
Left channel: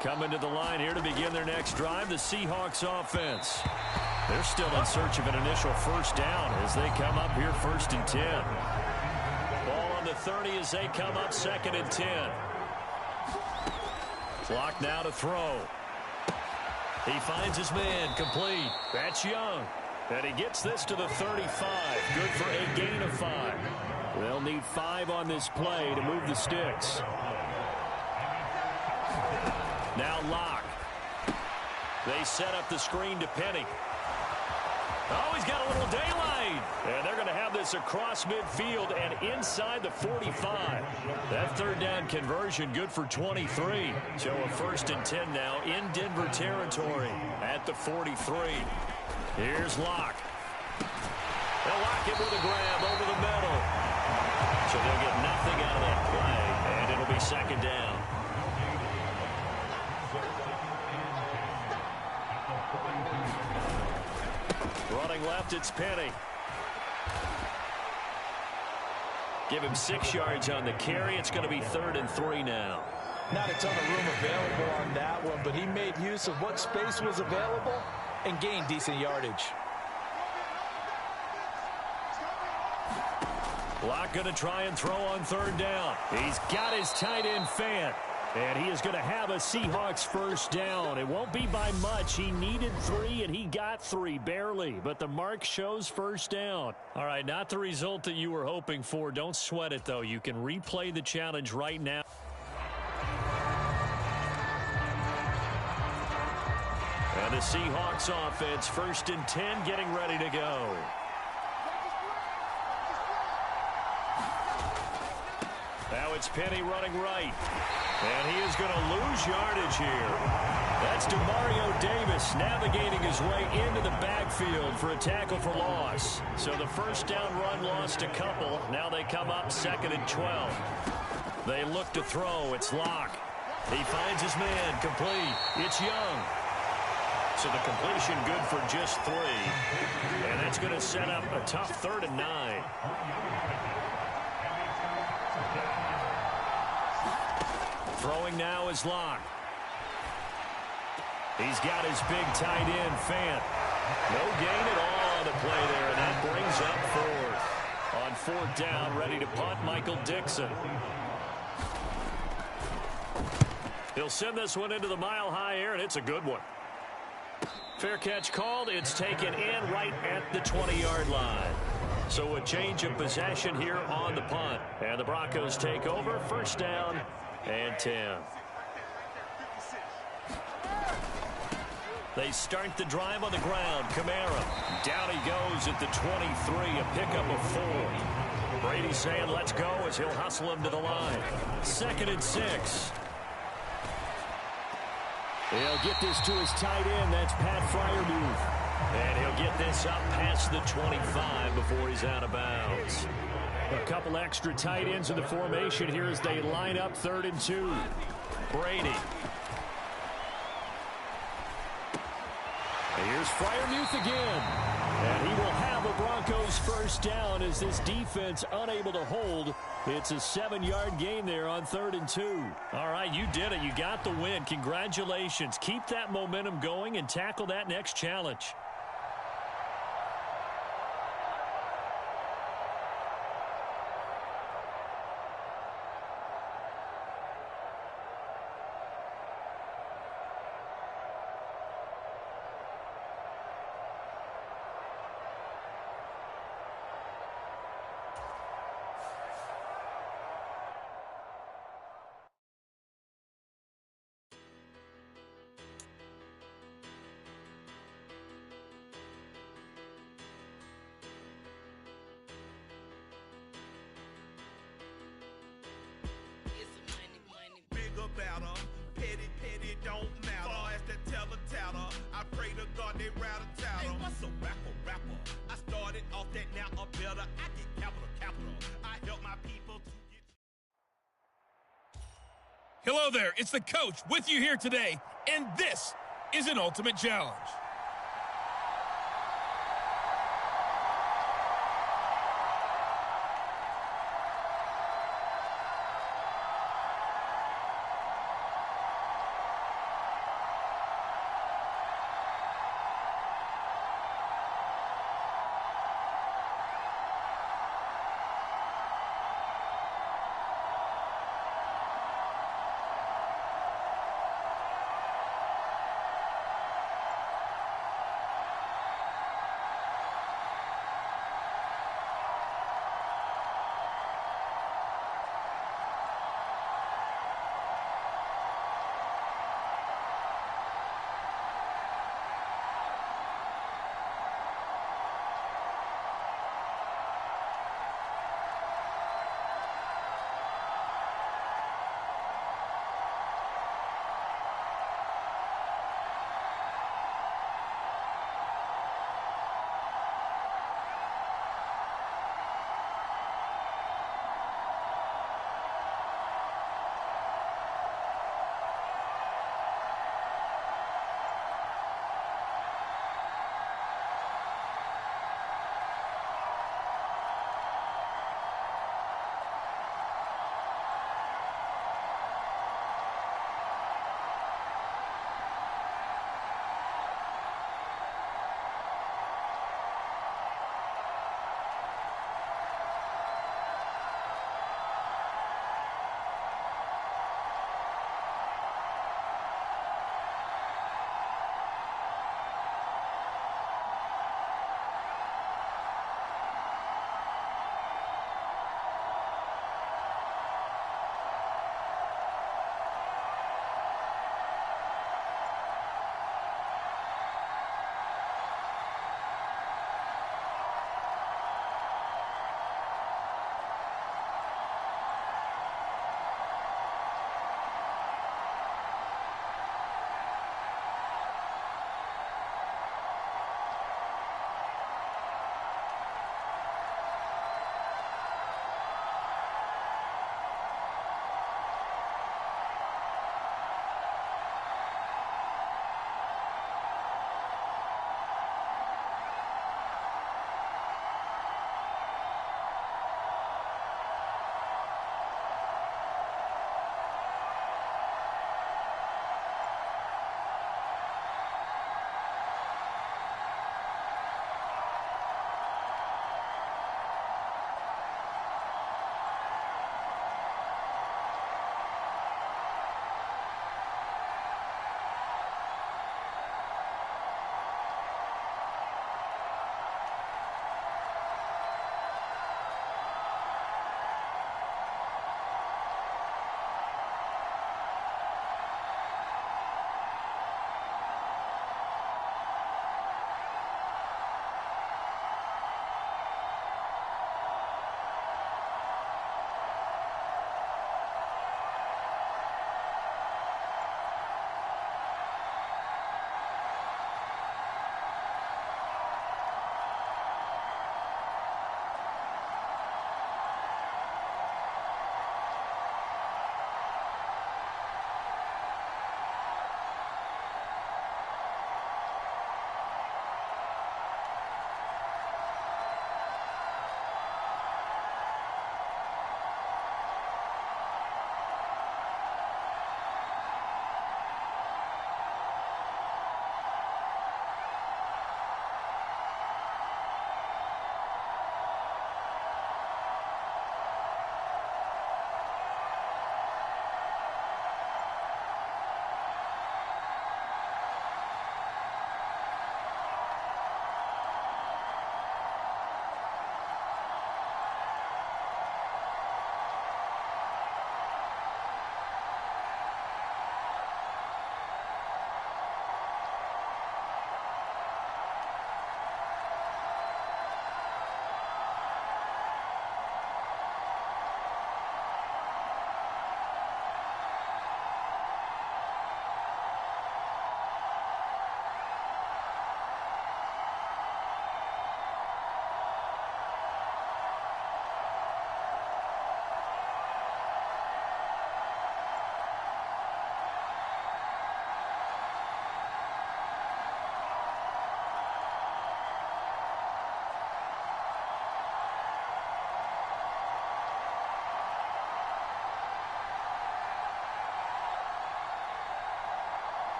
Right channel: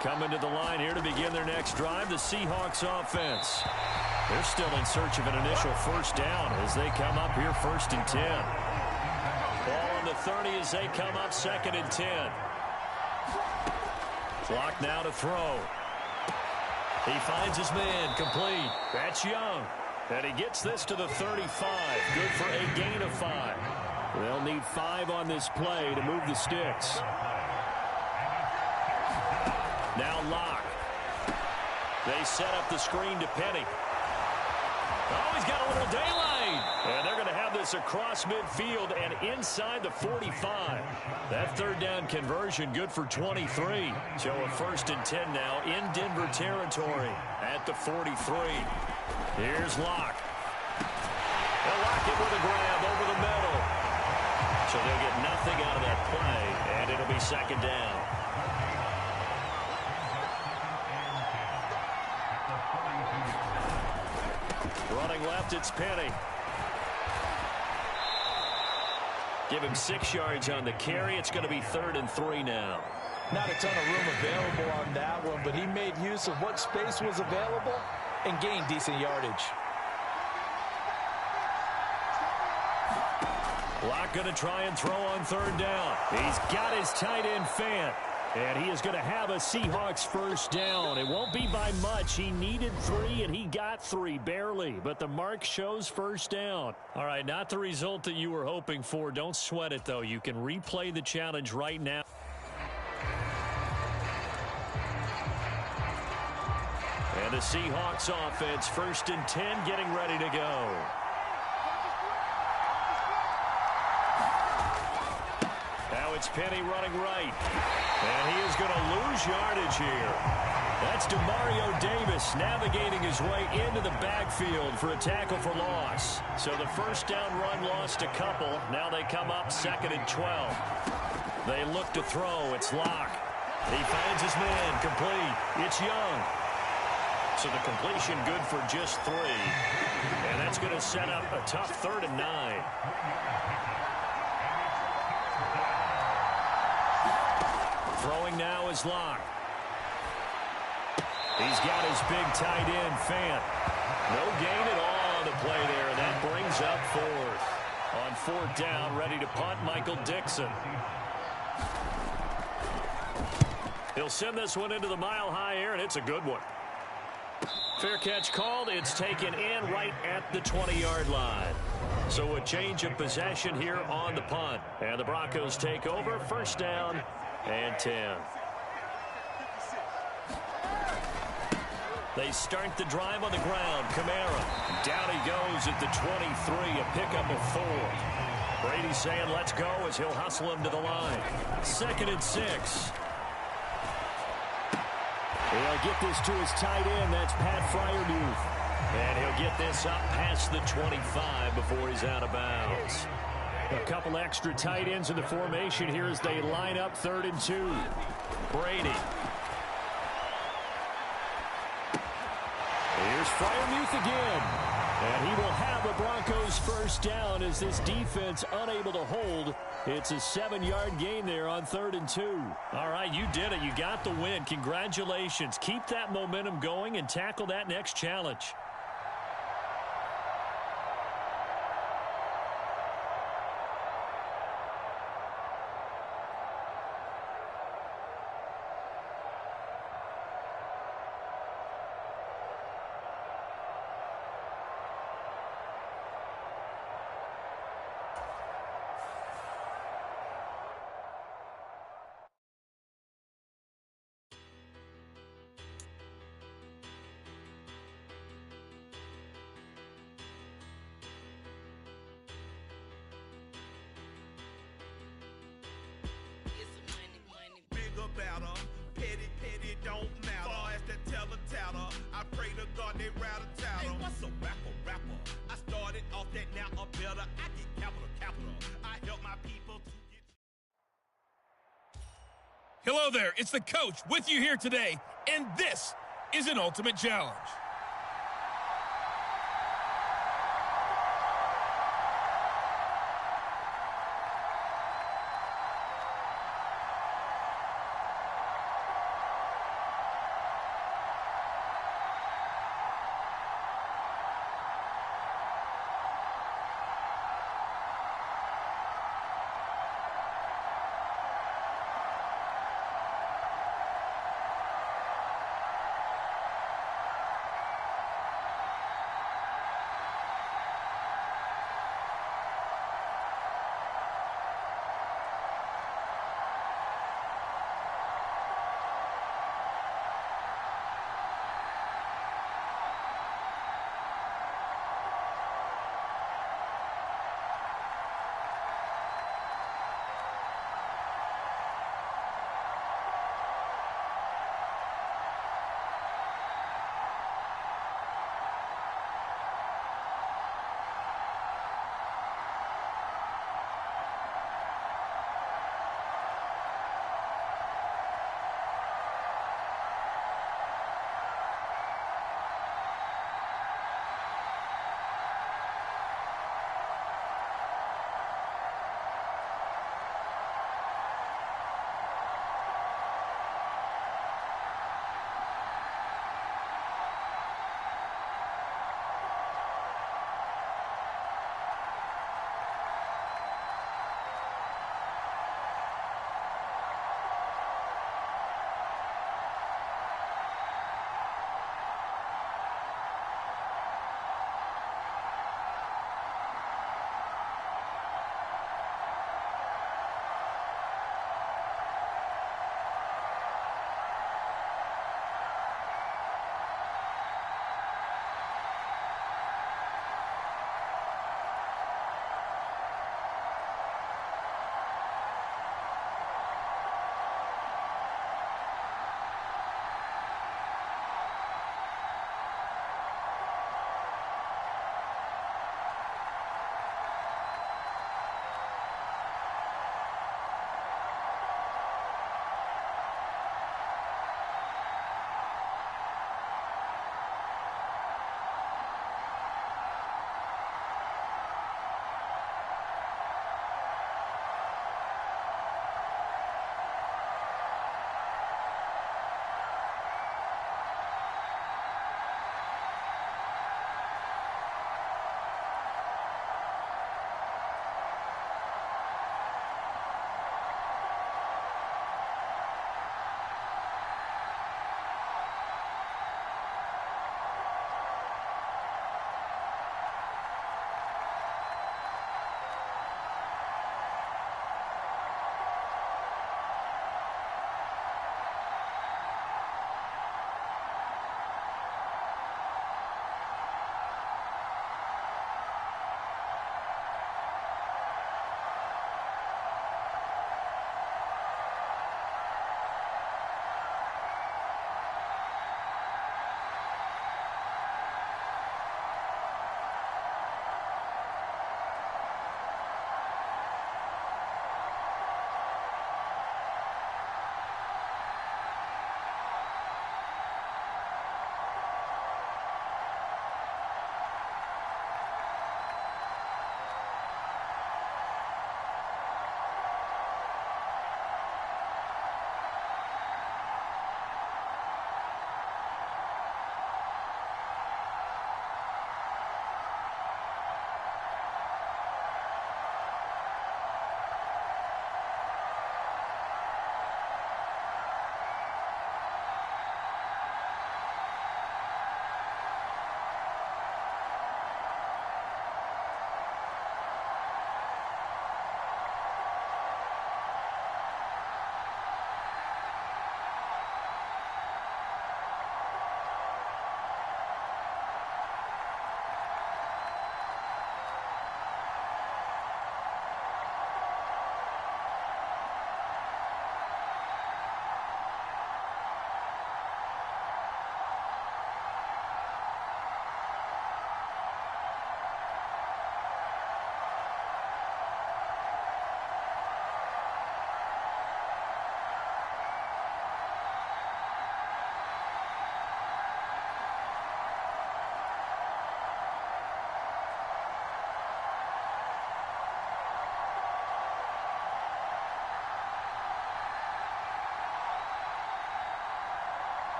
Coming to the line here to begin their next drive, the Seahawks offense. They're still in search of an initial first down as they come up here 1st and 10. Ball on the 30 as they come up 2nd and 10. Clock now to throw. He finds his man complete. That's Young. And he gets this to the 35. Good for a gain of 5. They'll need 5 on this play to move the sticks. Now Locke. They set up the screen to Penny. Oh, he's got a little daylight. And they're going to have this across midfield and inside the 45. That 3rd down conversion good for 23. So a 1st and 10 now in Denver territory at the 43. Here's Locke. They'll lock it with a grab over the middle. So they'll get nothing out of that play, and it'll be 2nd down. Running left, it's Penny. Give him 6 yards on the carry. It's going to be 3rd and 3 now. Not a ton of room available on that one, but he made use of what space was available and gained decent yardage. Locke going to try and throw on 3rd down. He's got his tight end Fant. And he is going to have a Seahawks first down. It won't be by much. He needed 3, and he got 3, barely. But the mark shows first down. All right, not the result that you were hoping for. Don't sweat it, though. You can replay the challenge right now. And the Seahawks offense, 1st and 10, getting ready to go. Now it's Penny running right. And he is going to lose yardage here. That's DeMario Davis navigating his way into the backfield for a tackle for loss. So the first down run lost a couple. Now they come up 2nd and 12. They look to throw. It's Locke. He finds his man complete. It's Young. So the completion good for just 3. And that's going to set up a tough 3rd and 9. Throwing now is Locke. He's got his big tight end, Fant. No gain at all on the play there, and that brings up 4th. On 4th down, ready to punt, Michael Dixon. He'll send this one into the mile-high air, and it's a good one. Fair catch called. It's taken in right at the 20-yard line. So a change of possession here on the punt. And the Broncos take over, 1st down and 10. They start the drive on the ground. Kamara. Down he goes at the 23, a pickup of 4. Brady saying let's go as he'll hustle him to the line. 2nd and 6. He'll get this to his tight end. That's Pat Freiermuth. And he'll get this up past the 25 before he's out of bounds. A couple extra tight ends in the formation here as they line up 3rd and 2. Brady. Here's Freiermuth again. And he will have a Broncos first down as this defense unable to hold. It's a 7-yard gain there on 3rd and 2. All right, you did it. You got the win. Congratulations. Keep that momentum going and tackle that next challenge. tatter. I pray to God they rat a tatter. Hey, what's a rapper? I started off that, now I'm better. I get capital. I help my people to get. Hello there, it's the coach with you here today, and this is an Ultimate Challenge.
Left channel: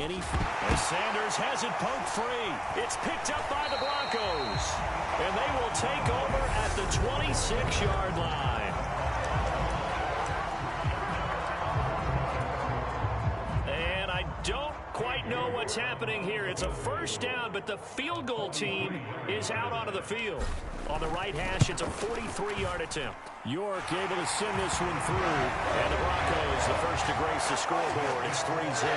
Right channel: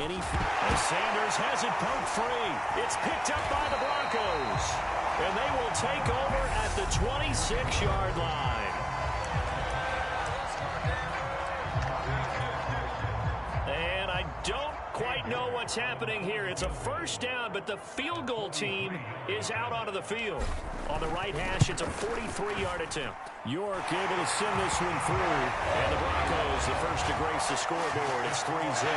any. As Sanders has it poked free. It's picked up by the Broncos. And they will take over at the 26-yard line. And I don't quite know what's happening here. It's a first down, but the field goal team is out onto the field. On the right hash, it's a 43-yard attempt. York able to send this one through. And the Broncos, the first to grace the scoreboard. It's 3-zip.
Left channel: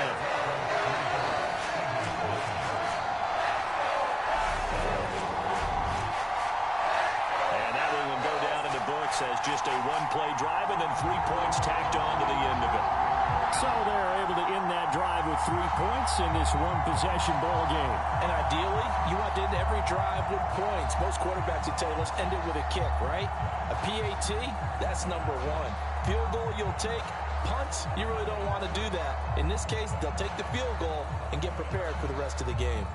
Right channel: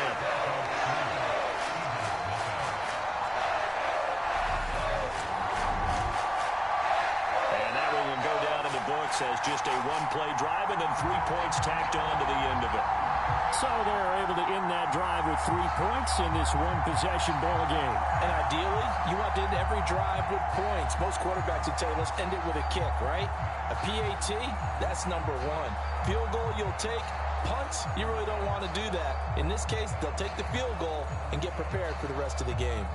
And that one will go down in the books as just a one-play drive and then 3 points tacked on to the end of it. So they're able to end that drive with 3 points in this one-possession ball game. And ideally, you want to end every drive with points. Most quarterbacks would tell you, let's end it with a kick, right? A PAT, that's number one. Field goal, you'll take. Punts, you really don't want to do that. In this case, they'll take the field goal and get prepared for the rest of the game.